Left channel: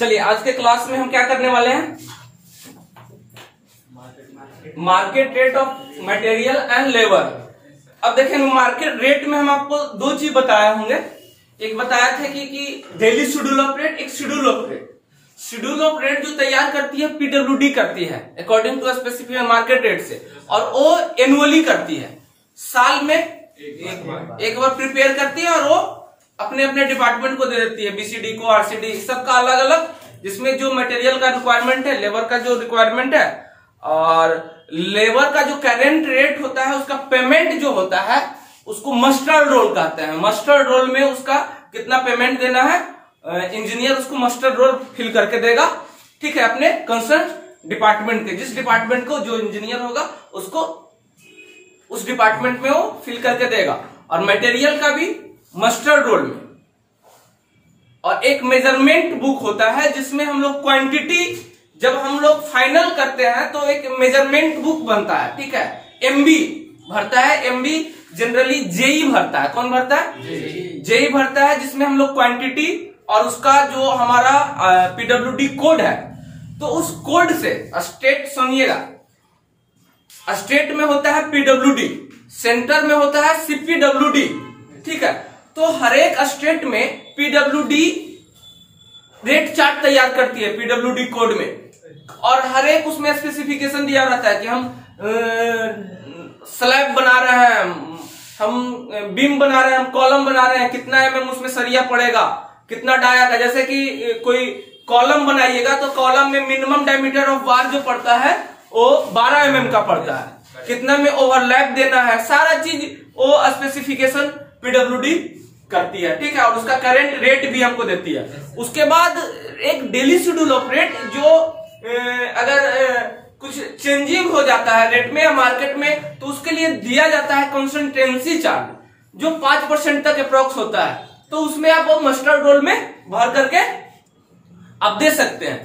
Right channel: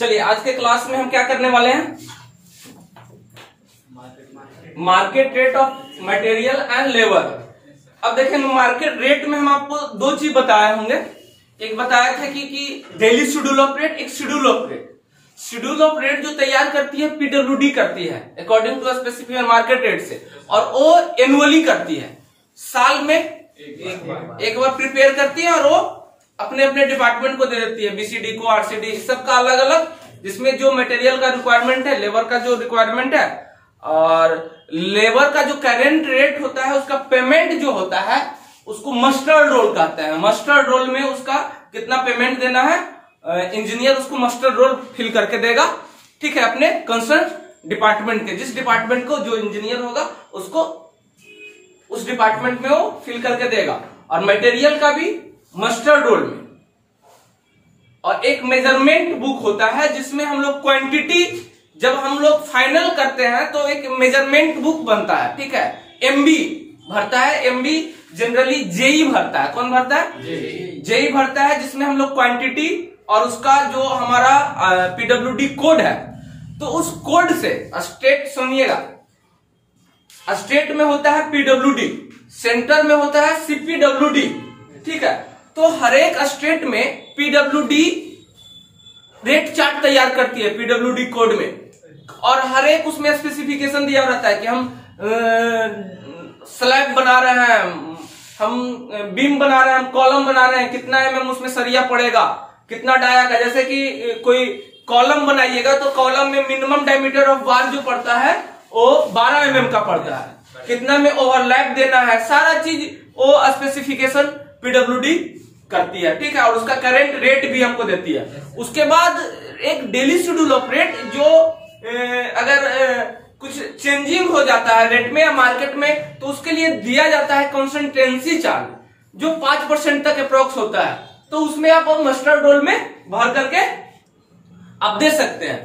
चलिए आज के क्लास में हम क्या करने वाले हैं, market rate of material and labour. अब देखें मार्केट रेट में हम आपको दो चीज बताए होंगे। एक बताया था कि डेली शेड्यूल ऑफ रेट, एक schedule of rate. Schedule of rate जो तैयार करती है पीडब्ल्यूडी करती है according to specific market rate से, और वो एनुअली करती है, साल में एक बार प्रिपेयर करती है और वो अपने अपने डिपार्टमेंट को दे देती है, बीसीडी को, आरसीडी, सबका अलग अलग, जिसमें जो मटेरियल का रिक्वायरमेंट है, लेबर का जो रिक्वायरमेंट है और लेबर का जो करेंट रेट होता है, उसका पेमेंट जो होता है उसको मस्टर्ड रोल कहते हैं। मस्टर्ड रोल में उसका कितना पेमेंट देना है, इंजीनियर उसको मस्टर्ड रोल फिल करके देगा, ठीक है, अपने कंसर्न डिपार्टमेंट के, जिस डिपार्टमेंट को जो इंजीनियर होगा उसको उस डिपार्टमेंट में वो फिल करके देगा। और मटेरियल का भी मस्टर्ड रोल में। और एक मेजरमेंट बुक होता है जिसमें हम लोग क्वांटिटी जब हम लोग फाइनल करते हैं तो एक मेजरमेंट बुक बनता है, ठीक है, एमबी भरता है, एमबी जनरली जेई भरता है। कौन भरता है? जेई भरता है, जिसमें हम लोग क्वांटिटी और उसका जो हमारा पीडब्ल्यूडी कोड है, तो उस कोड से स्टेट, सुनिएगा, स्टेट में होता है पीडब्ल्यूडी, सेंटर में होता है सीपीडब्ल्यूडी, ठीक है। तो हर एक स्टेट में पीडब्ल्यूडी रेट चार्ट तैयार करती है पीडब्ल्यूडी कोड में, और हर एक उसमें स्पेसिफिकेशन दिया रहता है कि हम स्लैब बना रहे हैं, हम बीम बना रहे हैं, हम कॉलम बना रहे हैं, कितना एमएम उसमें सरिया पड़ेगा, कितना डाया का, जैसे कि कोई कॉलम बनाइएगा तो कॉलम में मिनिमम डायमीटर ऑफ बार जो पड़ता है वो 12 एमएम का पड़ता है, कितना में ओवरलैप देना है, सारा चीज वो स्पेसिफिकेशन पीडब्ल्यूडी करती है, ठीक है, और उसका करेंट रेट भी हमको देती है। उसके बाद एक डेली शेड्यूल ऑफ रेट, जो अगर कुछ चेंजिंग हो जाता है रेट में या मार्केट में, तो उसके लिए दिया जाता है कंसल्टेंसी चार्ज, जो 5% तक अप्रोक्स होता है, तो उसमें आप मस्टर्ड रोल में भर करके आप दे सकते हैं।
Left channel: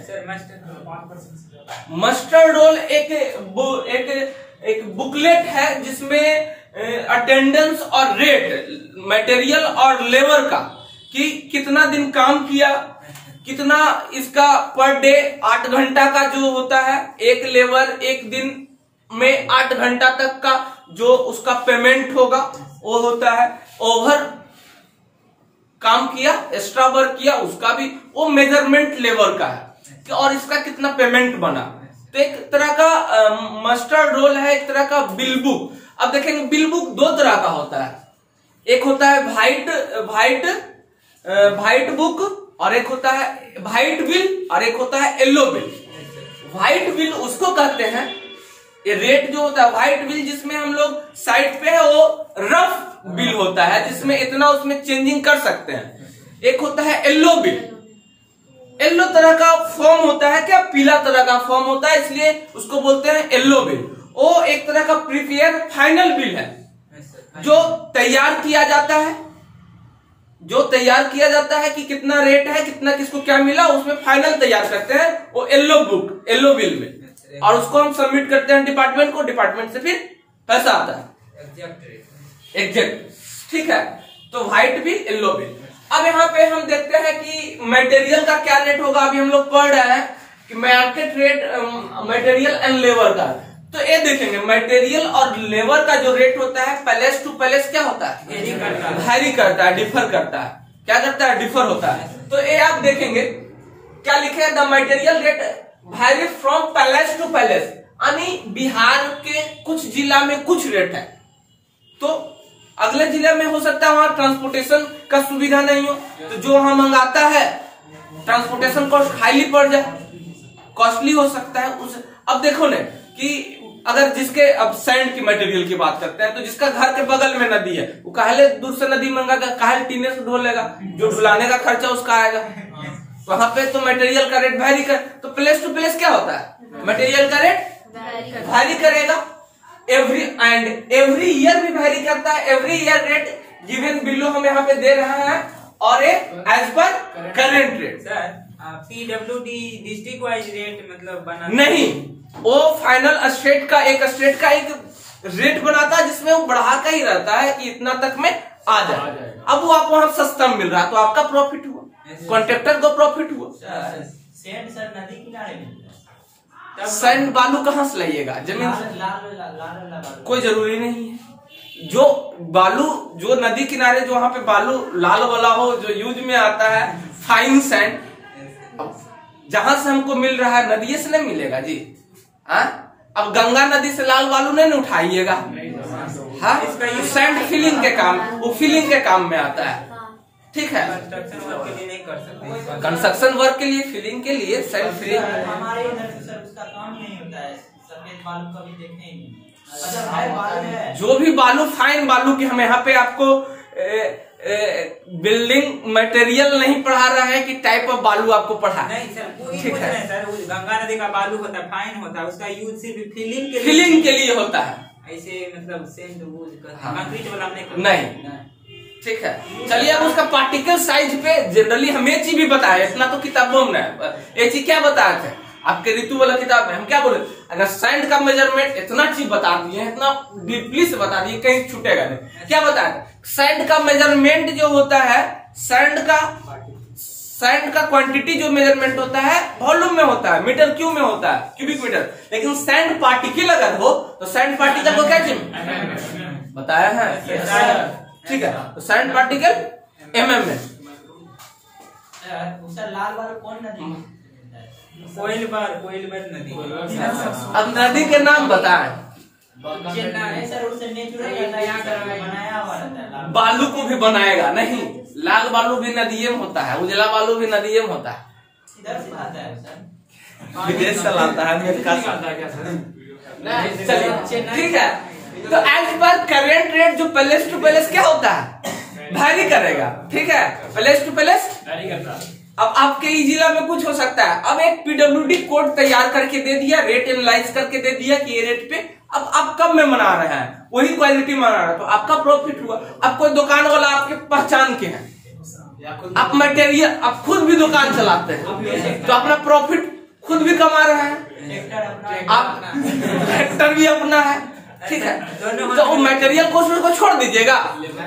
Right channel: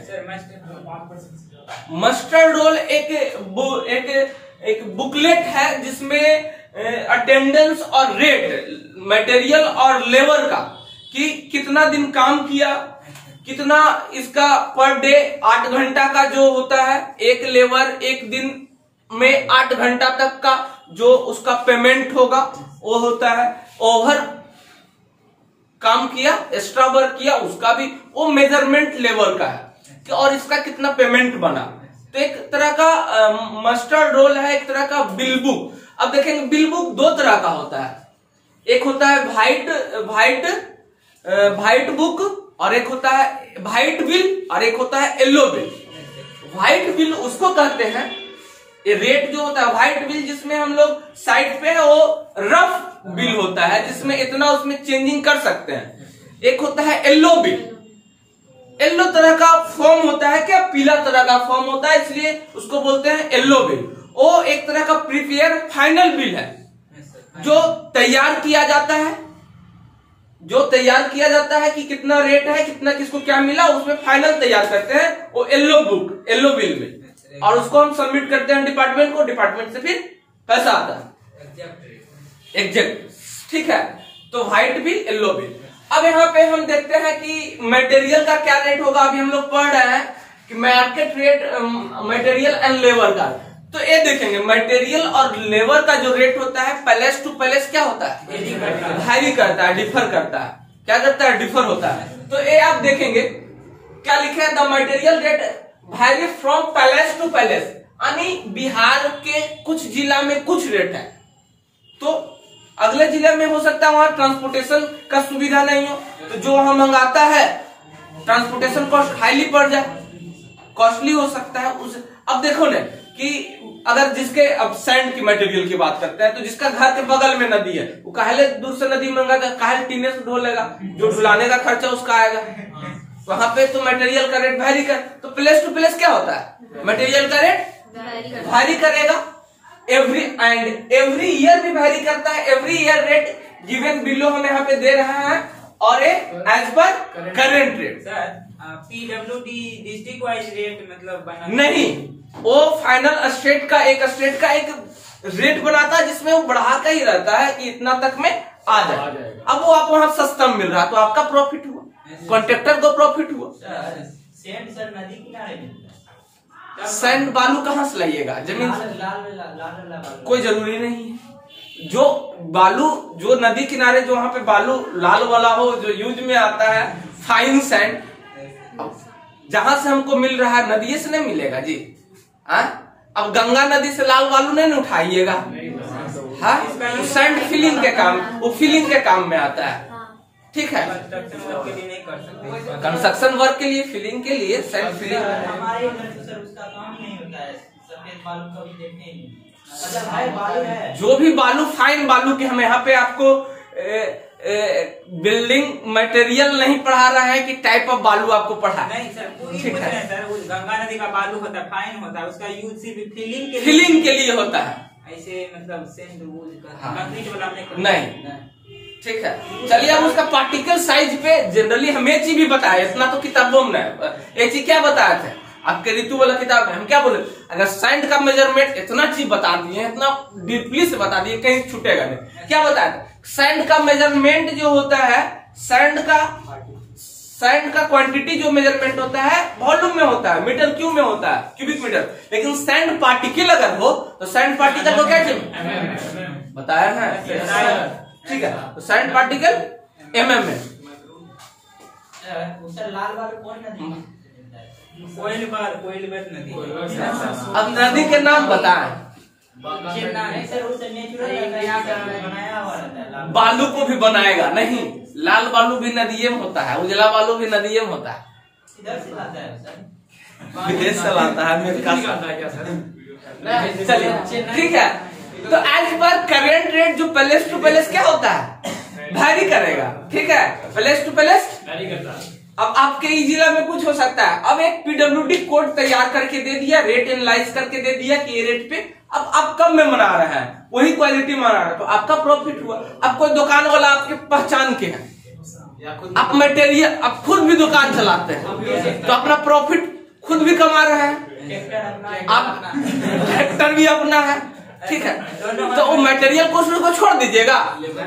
मस्टर्ड रोल एक बुकलेट है जिसमें अटेंडेंस और रेट मटेरियल और लेबर का, कि कितना दिन काम किया, कितना इसका पर डे 8 घंटा का जो होता है, एक लेबर एक दिन में 8 घंटा तक का जो उसका पेमेंट होगा वो होता है, ओवर काम किया, एक्स्ट्रा वर्क किया, उसका भी वो मेजरमेंट लेबर का है, और इसका कितना पेमेंट बना। तो एक तरह का मस्टर्ड रोल है, एक तरह का बिल बुक। अब देखेंगे बिल बुक दो तरह का होता है, एक होता है व्हाइट बुक, और एक होता है व्हाइट बिल, और एक होता है येलो बिल। व्हाइट बिल उसको कहते हैं, ये रेट जो होता है व्हाइट बिल, जिसमें हम लोग साइड पे वो रफ बिल होता है, जिसमें इतना उसमें चेंजिंग कर सकते हैं। एक होता है येलो बिल, येलो तरह का फॉर्म होता है, क्या पीला तरह का फॉर्म होता है, इसलिए उसको बोलते हैं येलो बिल। वो एक तरह का प्रीपेयर फाइनल बिल है, जो तैयार किया जाता है, कि कितना रेट है, कितना किसको क्या मिला, उसमें फाइनल तैयार करते हैं वो येलो बिल में, और उसको हम सबमिट करते हैं डिपार्टमेंट को, डिपार्टमेंट से फिर पैसा आता है एग्जैक्ट, ठीक है। तो व्हाइट बिल, येलो बिल। अब यहाँ पे हम देखते हैं कि मटेरियल का क्या रेट होगा। अभी हम लोग पढ़ रहे हैं कि market rate material and labour का, तो ये देखेंगे मटेरियल और लेबर का जो रेट होता है पैलेस टू पैलेस क्या होता है, वैरी करता है, डिफर करता है, क्या करता है, डिफर होता है। तो ये आप देखेंगे क्या लिखे है, the material rate vary from place to place, यानी बिहार के कुछ जिला में कुछ रेट है, तो अगले जिले में हो सकता है वहां ट्रांसपोर्टेशन का सुविधा नहीं हो, तो जो वहां मंगाता है ट्रांसपोर्टेशन कॉस्ट हाईली पड़ जाए, कॉस्टली हो सकता है उस। अब देखो ना कि अगर जिसके, अब सैंड की मटेरियल की बात करते हैं, तो जिसका घर के बगल में नदी है, वो काहे दूर से नदी मंगाएगा, काहे टीने से ढो लेगा, जो ढुलाने का खर्चा उसका आएगा, वहां पे तो मटेरियल का रेट वैरी कर। तो प्लेस टू प्लेस क्या होता है, मटेरियल का रेट वैरी करेगा, एवरी ईयर भी वैरी करता है। Every year rate given below हम यहाँ पे दे रहा है, और as per current rate. PWD district wise rate मतलब बना नहीं, वो फाइनल स्टेट का एक रेट बनाता है, जिसमें वो बढ़ा का ही रहता है कि इतना तक में आ जाए। अब वो आपको वहां सस्ता मिल रहा है तो आपका प्रॉफिट हुआ, कॉन्ट्रैक्टर को प्रॉफिट हुआ, सैंड सर नदी किनारे मिलता है। सैंड बालू कहाँ से लाइएगा? जमीन से? लाल कोई जरूरी नहीं है। जो बालू जो नदी किनारे जो वहां पे बालू लाल वाला हो, जो यूज में आता है फाइन सैंड, जहां से हमको मिल रहा है नदी से नहीं मिलेगा जी। अब गंगा नदी से लाल बालू नहीं उठाइएगा। हाँ, सैंड फिलिंग के काम, वो फिलिंग के काम में आता है। ठीक है, कंस्ट्रक्शन वर्क के लिए, फिलिंग के लिए सैंड फिलिंग। हमारे इधर तो सर उसका काम ही नहीं होता है, सफेद बालू कभी देखने ही नहीं। है जो भी बालू फाइन बालू की, हम यहाँ पे आपको बिल्डिंग मटेरियल नहीं पढ़ा रहा है कि टाइप ऑफ बालू आपको पढ़ा। नहीं सर, ठीक है सर, गंगा नदी का बालू होता है, फाइन होता है, उसका यूज सिर्फ फिलिंग के लिए होता है। ऐसे मतलब सेंड कंक्रीट वाला नहीं। ठीक है, चलिए अब उसका पार्टिकल साइज पे जनरली हम एक चीज भी बताया, इतना तो किताबों में एक चीज क्या बताया था आपके ऋतु वाला किताब में, हम क्या बोले, अगर सैंड का मेजरमेंट इतना चीज बता दिए, इतना डीपली से बता दिए, कहीं छूटेगा नहीं। क्या बताया था? सैंड का मेजरमेंट जो होता है, सैंड का क्वांटिटी जो मेजरमेंट होता है वॉल्यूम में होता है, मीटर क्यूब में होता है, क्यूबिक मीटर। लेकिन सैंड पार्टिकल अगर हो तो सैंड पार्टिकल को क्या चाहिए बताया है? ठीक है, तो सैंड पार्टिकल mm में। लाल बालू कौन नदी? कोयल नदी। अब नदी के नाम बताएं। सर उसे नेचुरल बनाया हुआ रहता है। बालू को भी बनाएगा नहीं, लाल बालू भी नदिये में होता है, उजला बालू भी नदिये में होता है। इधर से लाता है सर, विदेश से लाता है, अमेरिका से। चलिए ठीक है, तो एज पर करेंट रेट जो पैलेस टू पैलेस क्या होता है, वैरी करेगा। ठीक है, पैलेस टू पैलेस वैरी करता है। अब आपके ई जिला में कुछ हो सकता है, अब एक पीडब्ल्यूडी कोड तैयार करके दे दिया, रेट एनालाइज करके दे दिया कि ये रेट पे अब आप कम में मना रहे हैं, वही क्वालिटी मना रहे हैं, तो आपका प्रॉफिट हुआ। अब कोई दुकान वाला आपके पहचान के हैं, आप मटेरियल, आप खुद भी दुकान चलाते हैं, तो अपना प्रॉफिट खुद भी कमा रहे हैं, आप ट्रैक्टर भी अपना है। ठीक है, तो वो मटेरियल को उसको छोड़ दीजिएगा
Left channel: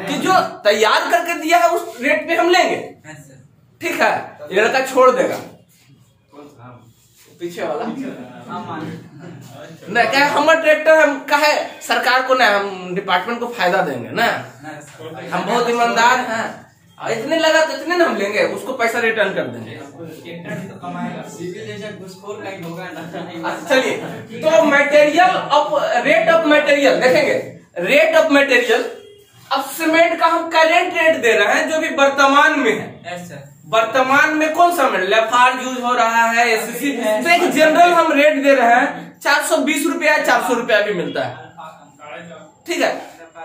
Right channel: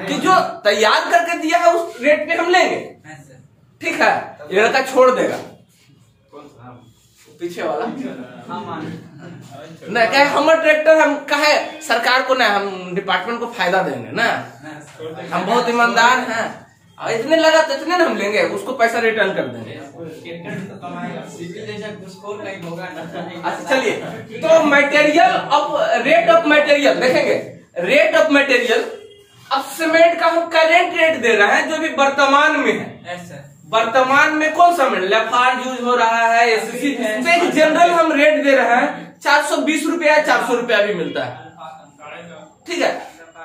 कि जो तैयार करके दिया है उस रेट पे हम लेंगे। ठीक है, ये लड़का छोड़ देगा, पीछे वाला नहीं कहे हमारे ट्रैक्टर हम कहे सरकार को ना, हम डिपार्टमेंट को फायदा देंगे ना, हम बहुत ईमानदार हैं, इतने लगा तो इतने ना हम लेंगे, उसको पैसा रिटर्न कर देंगे। चलिए, तो material of rate of material देखेंगे, रेट ऑफ मटेरियल। अब सीमेंट का हम करेंट रेट दे रहे हैं जो भी वर्तमान में है। वर्तमान में कौन सा मेटल लाफार्ज यूज हो रहा है, एसीसी है, तो एक जनरल हम रेट दे रहे हैं 420 रुपया, 400 रुपया भी मिलता है। ठीक है,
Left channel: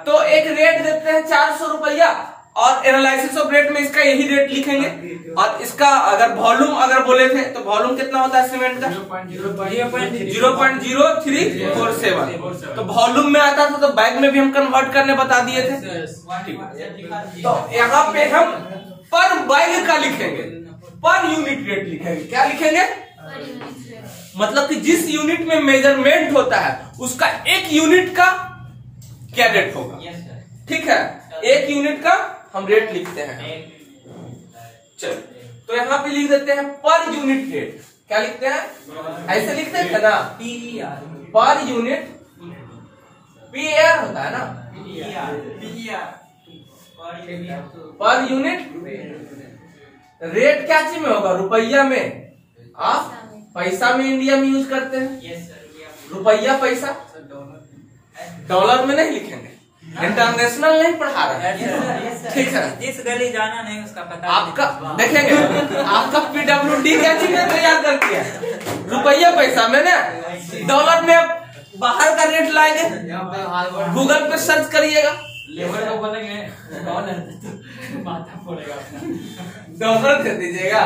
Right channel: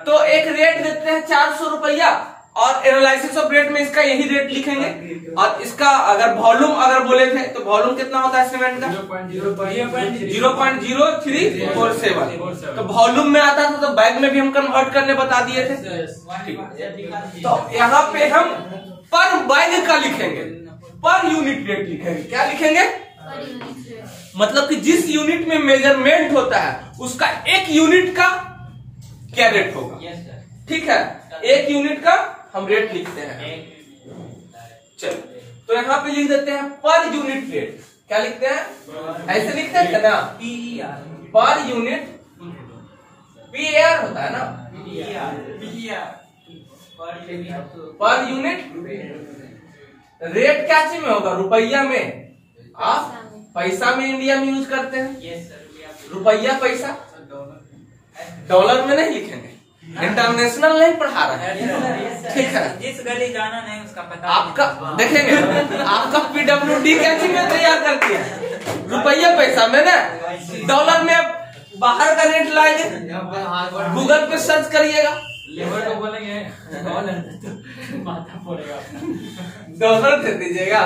तो एक रेट देते हैं 400 रुपया, और एनालिसिस ऑफ रेट में इसका यही रेट लिखेंगे। और इसका अगर वॉल्यूम अगर बोले थे तो वॉल्यूम कितना होता है सीमेंट का 0.0347, तो वॉल्यूम में आता था, तो बैग में भी हम कन्वर्ट करने बता दिए थे। तो यहाँ पे हम पर बैग का लिखेंगे, पर यूनिट रेट लिखेंगे। क्या लिखेंगे? मतलब कि जिस यूनिट में मेजरमेंट होता है उसका एक यूनिट का क्या रेट होगा। ठीक है, एक यूनिट का हम रेट लिखते हैं। चलो, तो यहाँ पे लिख देते हैं पर यूनिट रेट। क्या लिखते हैं? ऐसे लिखते हैं ना, पर यूनिट, पीआर होता है ना, पर यूनिट रेट क्या चीज में होगा? रुपया में। आप पैसा में इंडिया में यूज करते हैं, रुपया पैसा, डॉलर में नहीं लिखेंगे, इंटरनेशनल नहीं पढ़ा रहा है। ठीक है, जिस गली जाना नहीं उसका पता आपका देखेंगे, आपका पीडब्ल्यूडी क्या चीज में तैयार करती है? रुपया पैसा में ना, डॉलर में बाहर का रेट लाएंगे, गूगल पे सर्च करिएगा, लेबर को बोलेंगे कौन है, माथा फोड़ेगा, डॉलर दे दीजिएगा।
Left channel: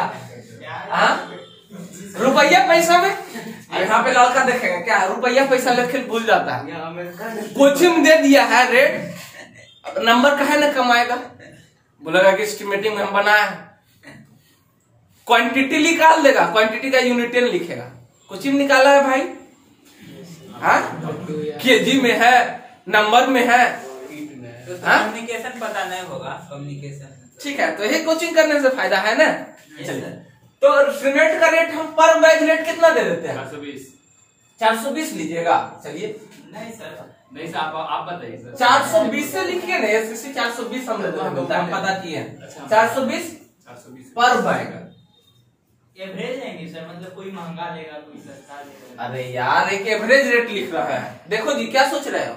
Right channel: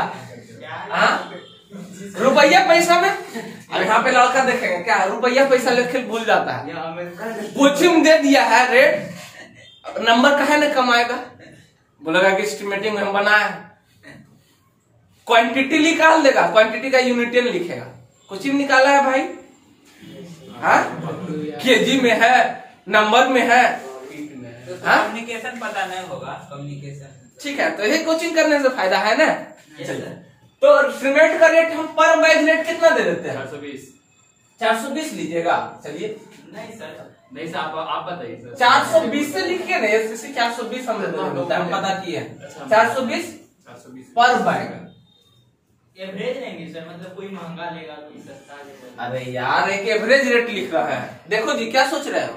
रुपया पैसा में, यहाँ पे लड़का देखेंगे क्या रुपया पैसा लेके भूल जाता है। कोचिंग दे दिया है रेट, नंबर कहे न कमाएगा, बोलेगा कि एस्टिमेटिंग में हम बनाए, क्वांटिटी निकाल देगा, क्वांटिटी का यूनिट लिखेगा, कोचिंग निकाला है भाई, हाँ केजी में है, नंबर में है, कम्युनिकेशन पता नहीं होगा, कम्युनिकेशन। ठीक है, तो ये कोचिंग करने से फायदा है ना। तो सीमेंट का रेट हम पर बैग रेट कितना दे देते हैं? 420। 420 लीजिएगा। चलिए नहीं सर, नहीं सर, आप बताइए सर। 420 से लिखिए ना, एसएससी 420 हम होता है, पता किए हैं। 420 पर बैग। एवरेज लेंगे सर, मतलब कोई महंगा लेगा कोई सस्ता लेगा। अरे यार एक एवरेज रेट लिख रहा है। देखो जी क्या सोच रहे हो?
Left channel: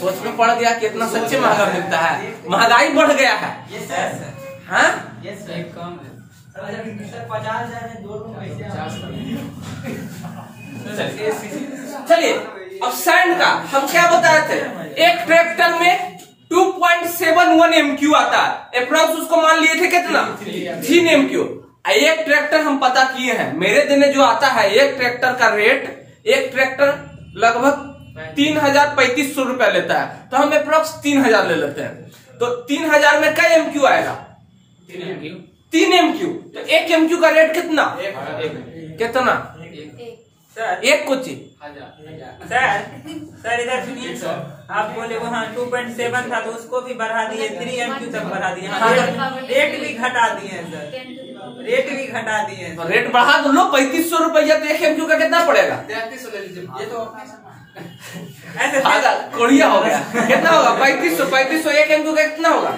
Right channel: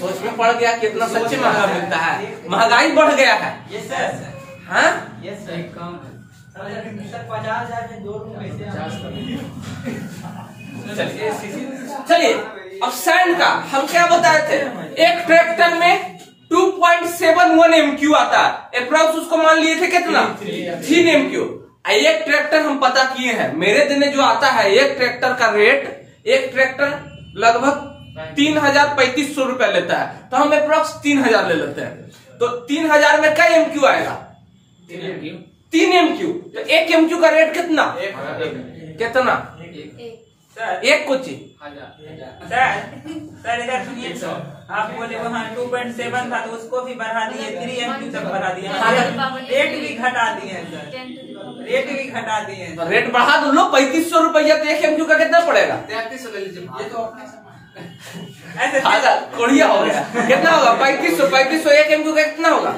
सोच में पड़ गया कि इतना सच्ची महंगा मिलता है, महंगाई बढ़ गया है। Yes sir. हाँ यस सर, कम है सर। 50,000 में 2 रूम कैसे? चलिए अब सैंड का हम क्या बताए थे? एक ट्रैक्टर में 2.71 MQ आता है अप्रोक्स, उसको मान लिए थे कितना? 3 MQ। एक ट्रैक्टर हम पता किए हैं, मेरे दिन जो आता है एक ट्रैक्टर का रेट, एक ट्रैक्टर लगभग 3,3500 रुपया लेता है, तो हम अप्रोक्स 3,000 ले लेते हैं। तो 3,000 में कई MQ आएगा? 3 MQ। तो 1 MQ का रेट कितना? कितना? एक कुछ सर इधर सुनिए, आप बोले वहाँ 2.7 था तो उसको भी बढ़ा दिए, 3 MQ तक बढ़ा दिए, रेट भी घटा दिए सर, रेट भी घटा दिए। रेट बढ़ा दो लो, 3500 रुपया। तो 1 MQ का कितना पड़ेगा? 3300 कोड़िया हो गया। कितना होगा? 3500 1 MQ का कितना होगा?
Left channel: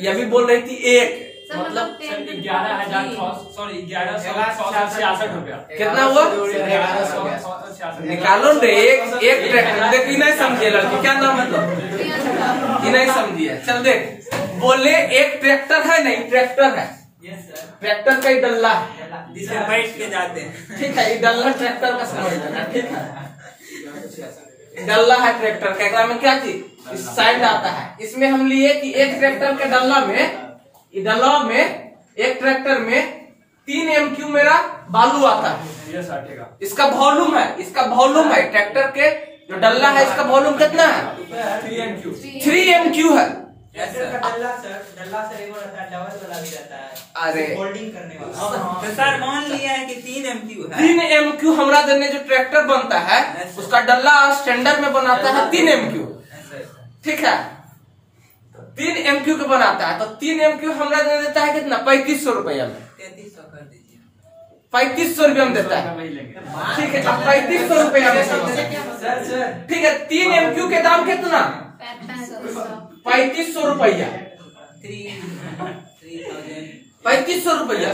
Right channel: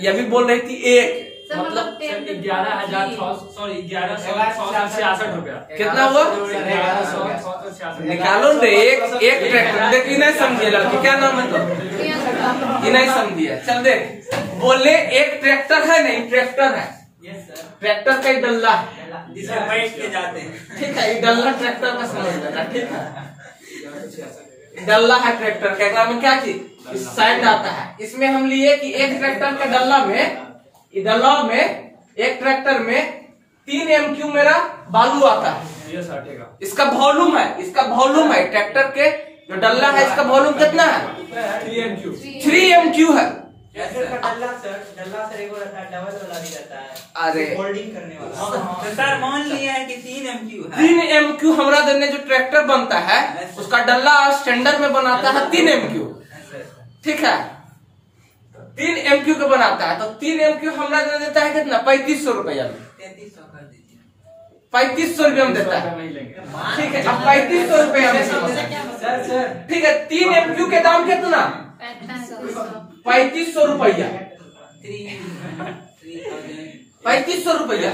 ये भी बोल रही थी एक, मतलब 11,166 रुपया। कितना हुआ? 11,166। निकालो रे। एक ट्रैक्टर देखी नहीं समझिए लड़की, क्या नाम है? तो नहीं समझिए। चल देख, बोले एक ट्रैक्टर है, नहीं ट्रैक्टर है। Yes sir. ट्रैक्टर का ही डल्ला है, जिसे बैठ के जाते हैं। ठीक है? डल्ला ट्रैक्टर में समझ लेना, ठीक है? डल्ला है ट्रैक्टर का, एकरा में क्या चीज? इस साइड आता है। इसमें हम लिए कि एक ट्रैक्टर के डल्ला में, एक ट्रैक्टर में 3 MQ मेरा बालू आता है। इसका वॉल्यूम है, ट्रैक्टर के जो डल्ला है इसका वॉल्यूम कितना है? 3 MQ है। डल्ला सर एक और रहता है, डबल वाला भी रहता है, अरे होल्डिंग करने वाला। तो सर मान लिया है कि 3 MQ है। 3 MQ हमारा देने जो ट्रैक्टर बनता है उसका डल्ला स्टैंडर्ड में बनाता है 3 MQ, ठीक है? 3 MQ का बनाता है, तो 3 MQ हमारा दे देता है कितना? 3500 रुपया। 3300 कर दीजिए। 3500 रुपया में देता है, ठीक है? अब 3500 रुपया में सर ठीक है? 3 MQ के दाम कितना? 3500 रुपया। 3500 रुपया।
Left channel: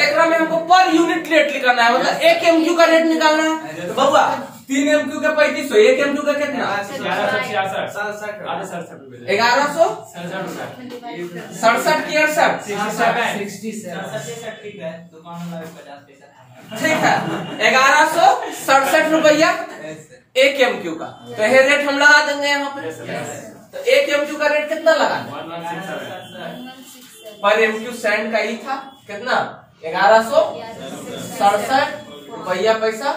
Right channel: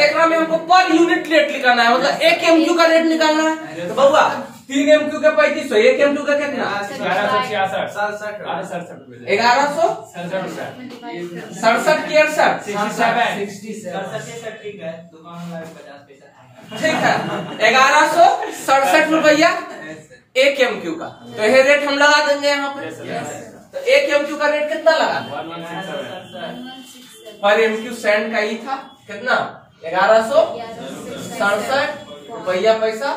एकरा में हमको पर यूनिट रेट निकालना है, मतलब 1 MQ का रेट निकालना है। तो बउआ 3 MQ का 3500, 1 MQ का कितना? 1166। 1167 की 68, 67 ठीक है, दुकान वाला 50 पैसा। ठीक है? 1167 रुपया 1 MQ का। तो ये रेट हम लगा देंगे यहाँ पे। तो 1 MQ का रेट कितना लगा? 1167। पर MQ सैंड का ही था कितना? 1167 रुपया पैसा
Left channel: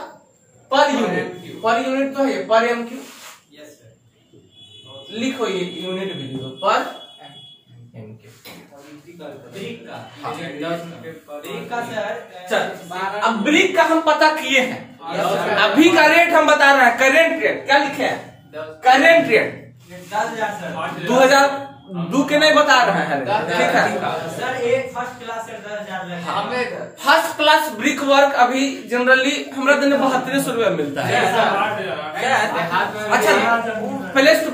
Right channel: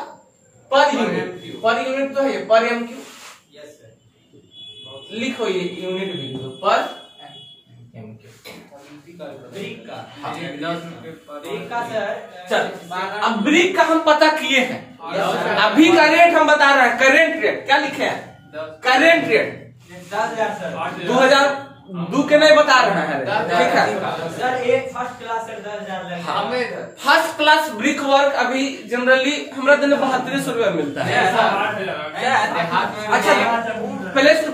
पर यूनिट। पर यूनिट तो है, पर MQ यस सर। लिखो, ये यूनिट भी लिखो, पर MQ। ब्रिक का सर। चल अब ब्रिक का हम पता किए हैं, अभी का रेट हम बता रहे हैं, करेंट रेट। क्या लिखे हैं? Current rate 10,000 sir. 2002 के नहीं बता रहे हैं, ठीक है? सर एक फर्स्ट क्लास सर 10,000 लगेगा। फर्स्ट क्लास ब्रिक वर्क अभी जनरली हमारा दिन 7200 रुपया मिलता है। अच्छा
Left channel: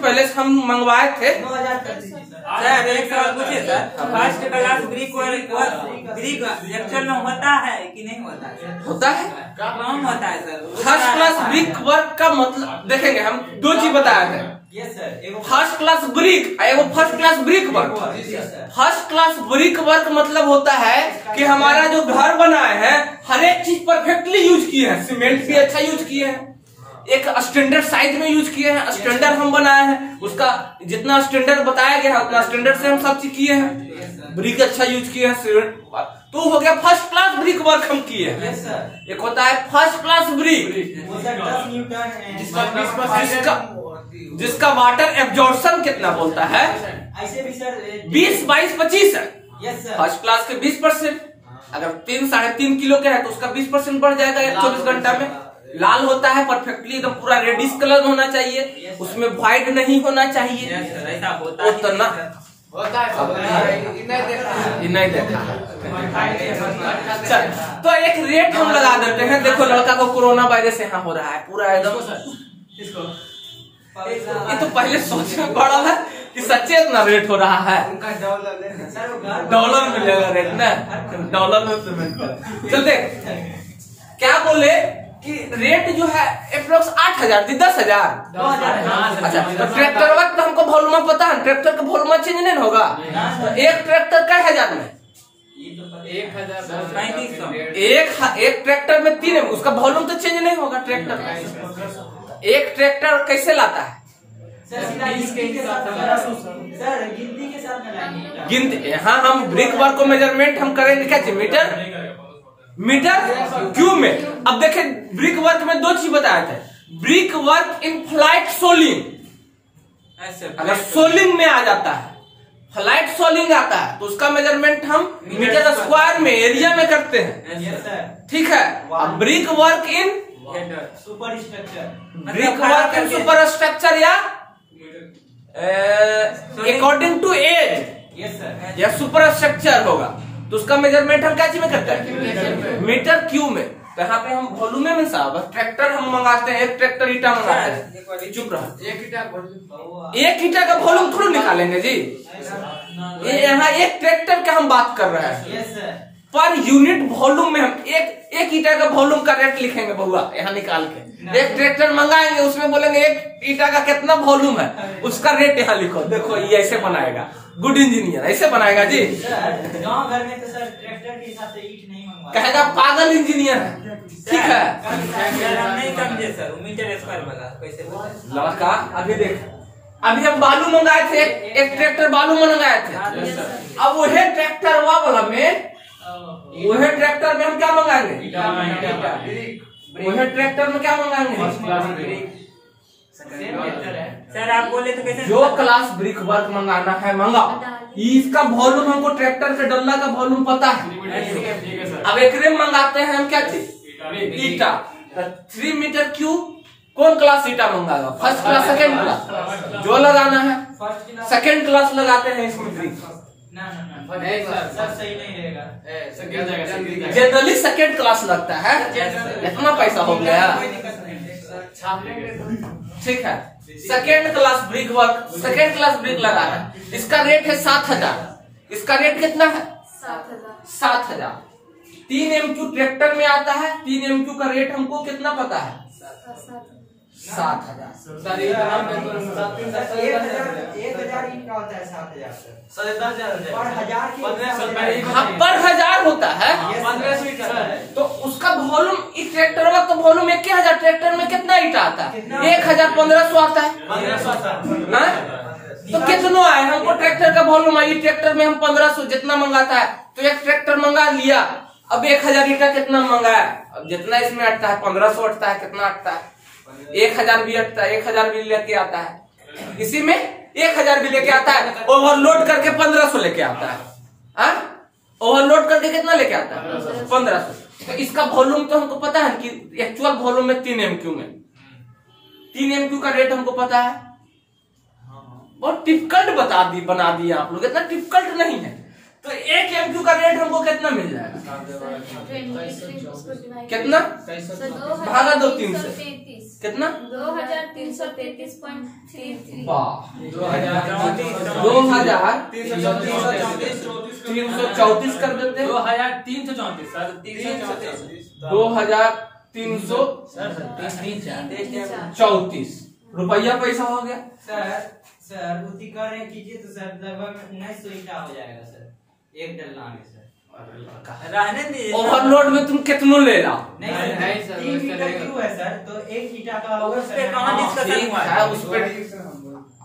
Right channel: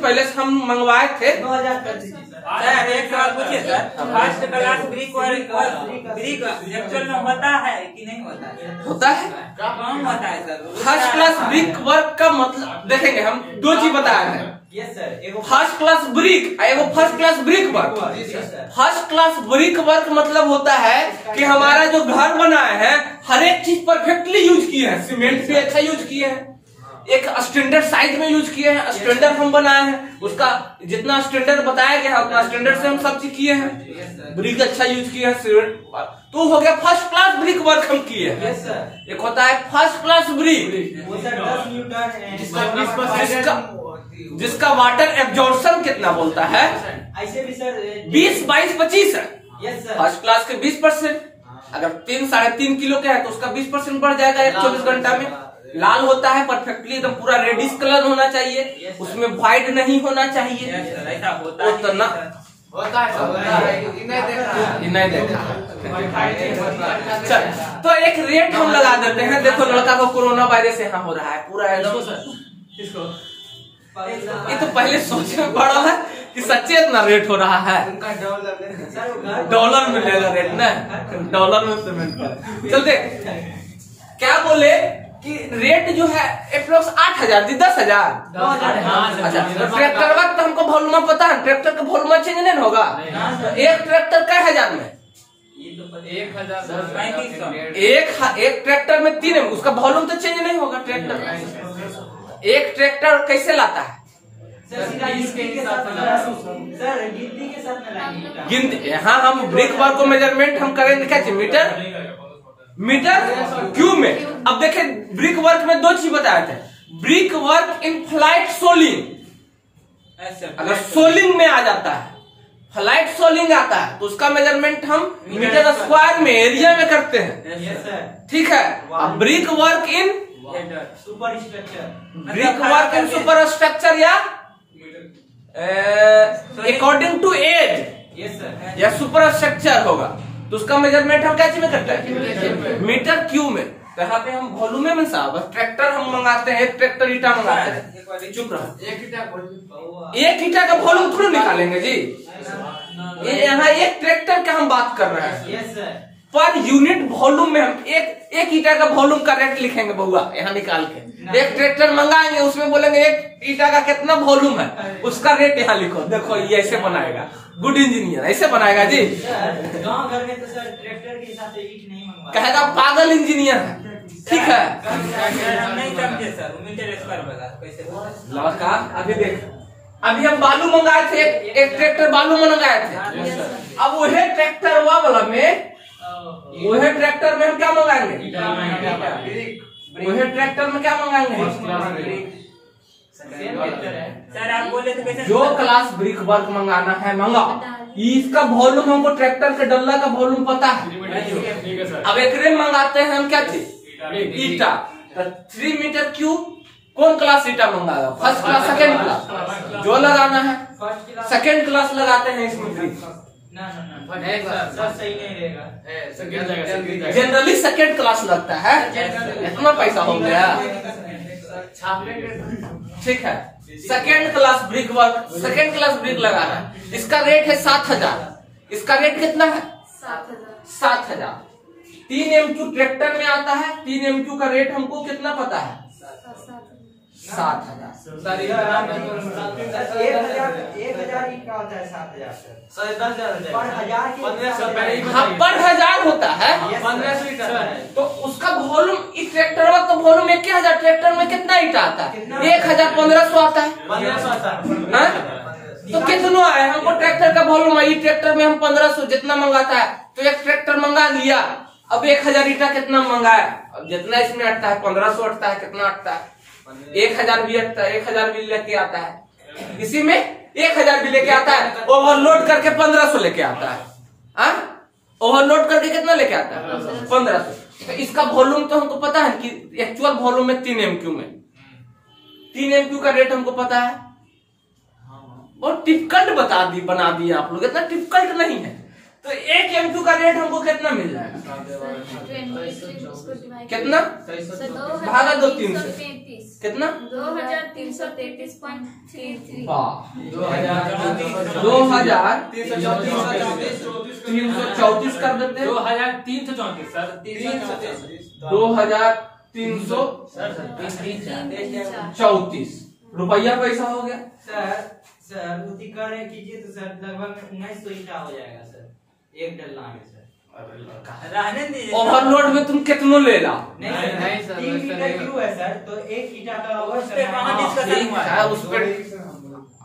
पहले हम मंगवाए थे 2,000 कर दीजिए सर। सर एक सवाल पूछिए sir, first class brick actual में होता है कि नहीं होता है? होता है। कम होता है sir. First class brick work का मतलब देखेंगे हम, 2 चीज बताए हैं, yes sir. First class brick, एगो first class brick work. First class brick work मतलब होता है कि हमारा जो घर बनाए हैं हर एक चीज परफेक्टली यूज किए हैं, सीमेंट भी अच्छा यूज किए हैं, एक स्टैंडर्ड साइज में यूज किए हैं, स्टैंडर्ड हम बनाए हैं, उसका जितना स्टैंडर्ड बताया गया है उतना स्टैंडर्ड से हम सब चीज किए हैं, ब्रिक अच्छा यूज किए हैं, सीमेंट। तो हो गया फर्स्ट क्लास ब्रिक वर्क हम किए हैं। Yes sir. एक होता है फर्स्ट क्लास ब्रिक, वो सर 10 न्यूटन है, जिसका वाटर एब्जॉर्प्शन कितना बोलता है? ऐसे भी सर 20, 22, 25 है। Yes sir. फर्स्ट क्लास के 20%, अगर 3, 3.5 किलो के है तो उसका 20% बढ़ जाएगा 24 घंटा में। लाल होता है परफेक्टली एकदम पूरा रेडिश कलर होना चाहिए, उसमें व्हाइट नहीं होना चाहिए। ऐसा होता उतना नहीं देखा है। चल तो एक रेट हम लगा देते हैं। देखो लड़का को कोरोना वायरस यहाँ हो रहा है पूरा एकदम। ये तो पहले सोचना पड़ा है कि सच्चे इतना रेट हो रहा है। डॉलर में लेगा रेट ना, डॉलर में पेमेंट करें। चल देख क्या बोले कि रेट जो है अप्रोक्स 8,000 थी 10,000। अच्छा तो ट्रैक्टर वक्त हमको वॉल्यूम पता है, ट्रैक्टर का वॉल्यूम चेंज नहीं होगा। तो एक ट्रैक्टर कई हजार में 1,3500। एक ट्रैक्टर में 3 उसका वॉल्यूम तो चेंज नहीं होगा। ट्रैक्टर एक ट्रैक्टर कैसे लाता है? गिनती के साथ गिनती। हाँ हम ब्रिक वर्क को मेजरमेंट हम करेंगे कैसे? मीटर क्यूब में। अब देखें ब्रिक वर्क में 2 चीज बताए थे। Brick work in flight soling, अगर सोलिंग में आ जाता है, फ्लाइट सोलिंग आता है तो उसका मेजरमेंट हम मीटर स्क्वायर में एरिया में करते हैं। ठीक है। अब brick work in super structure, brick work in super structure या अकॉर्डिंग टू एज या सुपर स्ट्रक्चर होगा तो उसका मेजरमेंट हम कैसे में करते हैं? मीटर क्यूब में। तो यहाँ पे हम वॉल्यूम में साहब ट्रैक्टर हम मंगाते हैं, एक ट्रैक्टर ईटा मंगाते हैं। चुप रहा। एक ईटा का वॉल्यूम थोड़ा निकालेंगे जी। ये यहाँ एक ट्रैक्टर का हम बात कर रहे हैं। पर यूनिट वॉल्यूम में हम एक ईटा का वॉल्यूम का रेट लिखेंगे बहुआ यहाँ निकाल के। एक ट्रैक्टर मंगाएंगे उसमें बोलेंगे एक ईटा का कितना वॉल्यूम है, उसका रेट यहाँ लिखो। देखो ये ऐसे बनाएगा, गुड इंजीनियर ऐसे बनाएगा जी। गांव घर में तो सर ट्रैक्टर के हिसाब से ईंट नहीं मंगवा, कहेगा पागल इंजीनियर है। ठीक है नहीं समझे सर, मीटर स्क्वायर वाला कैसे लड़का। अभी देख अभी हम बालू मंगाए थे, एक ट्रैक्टर बालू मंगाए थे। अब वही ट्रैक्टर वाला में वही ट्रैक्टर में हम क्या मंगाएंगे? वही ट्रैक्टर में क्या मंगाएंगे? सर आप बोले तो कैसे? जो क्लास ब्रिक वर्क मंगाना है मंगा। इसका वॉल्यूम हमको ट्रैक्टर से डल्ला का वॉल्यूम पता है। अब एक रेम मंगाते हैं हम क्या चीज? ईटा। 3 मीटर क्यूब कौन क्लास ईटा मंगाएगा? फर्स्ट क्लास सेकेंड क्लास जो लगाना है सेकेंड क्लास लगाते हैं इसमें। ना सर सही नहीं रहेगा। जनरली सेकेंड क्लास लगता है। इतना पैसा हो गया। ठीक है second class brick work, second class brick लगा है। इसका रेट है 7,000। इसका रेट कितना है? 7,000। 3 MQ ट्रैक्टर में आता है। 3 MQ का रेट हमको कितना पता है? 7,000। 1,000 ईंट का होता है 7,000 सर। पर हजार के हाँ पर हजार होता है। तो उसका वॉल्यूम इस ट्रैक्टर का तो वॉल्यूम 1,000। ट्रैक्टर में कितना ईटा आता है? 1,100 आता है। तो कितना है हमको ट्रैक्टर का वॉल्यूम आई? ट्रैक्टर में हम 1,500 जितना मंगाता है तो एक ट्रैक्टर मंगा लिया। अब 1,000 ईटा कितना मंगाया? अब जितना इसमें अटता है 1,500 अटता है। कितना अटता है? 1,000 भी अटता है। 1,000 भी लेके आता है। इसी में 1,000 भी लेके आता है। ओवरलोड करके 1,500 लेके आता है। ओवरलोड करके कितना लेके आता है? 1,500। तो इसका वॉल्यूम तो हमको पता है कि एक्चुअल वॉल्यूम में 3 MQ में 3 MQ का रेट हमको पता है। बहुत डिफिकल्ट बना दिया आप लोग, इतना डिफिकल्ट नहीं है। तो 1 MQ का रेट हमको कितना मिल जाएगा? कितना भागा 2 3 से कितना? 2,333.33। 2,334 कर देते हैं। 2,334 सर। 2,334 रुपया पैसा हो गया। सर उसी कर रहे कीजिए तो सर लगभग 1900 ईटा हो जाएगा सर एक डल्ला में सर। रहने दीजिए। ओवरलोड में तुम कितना ले ला? नहीं सर 3 मीटर क्यों है सर? तो 1 ईटा का होगा सर। ठीक है उस पर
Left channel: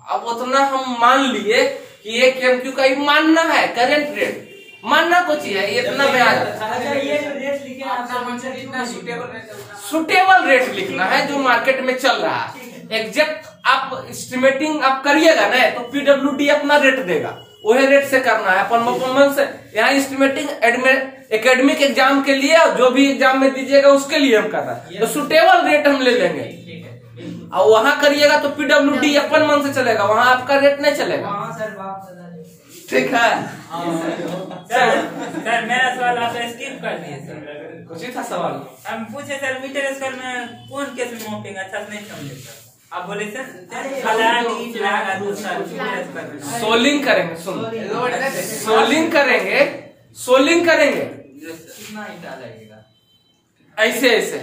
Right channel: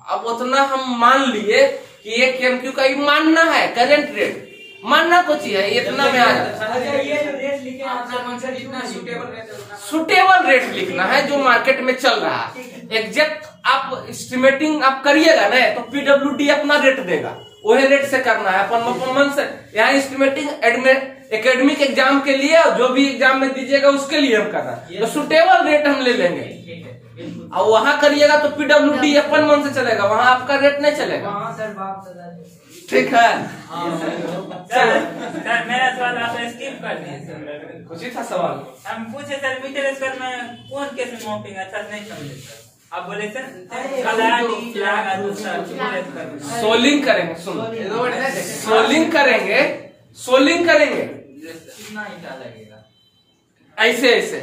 अब उतना हम मान लिए कि 1 MQ का ही मानना है। करंट रेट मानना कुछ ही है इतना में आ जाता है। अच्छा ये जो रेट लिखे हैं आप सर कितना सुटेबल रेट लिखना है जो मार्केट में चल रहा है। एग्जैक्ट आप एस्टिमेटिंग आप करिएगा ना तो PWD अपना रेट देगा, वही रेट से करना है। अपन से यहाँ एस्टिमेटिंग एकेडमिक एग्जाम के लिए जो भी एग्जाम में दीजिएगा उसके लिए हम कर रहे हैं। तो सुटेबल रेट हम ले लेंगे और वहाँ करिएगा तो PWD अपन मन से चलेगा, वहाँ आपका रेट नहीं चलेगा। सर बाप ठीक है सर मेरा सवाल आप स्किप कर दिए सर। कुछ ही था सवाल। हम पूछे सर मीटर स्क्वायर में कौन केस में मॉपिंग अच्छा से नहीं समझे सर। आप बोले सर सोलिंग करेंगे, सुन सोलिंग करेंगे, सोलिंग करेंगे कितना ईंटा लगेगा? ऐसे ऐसे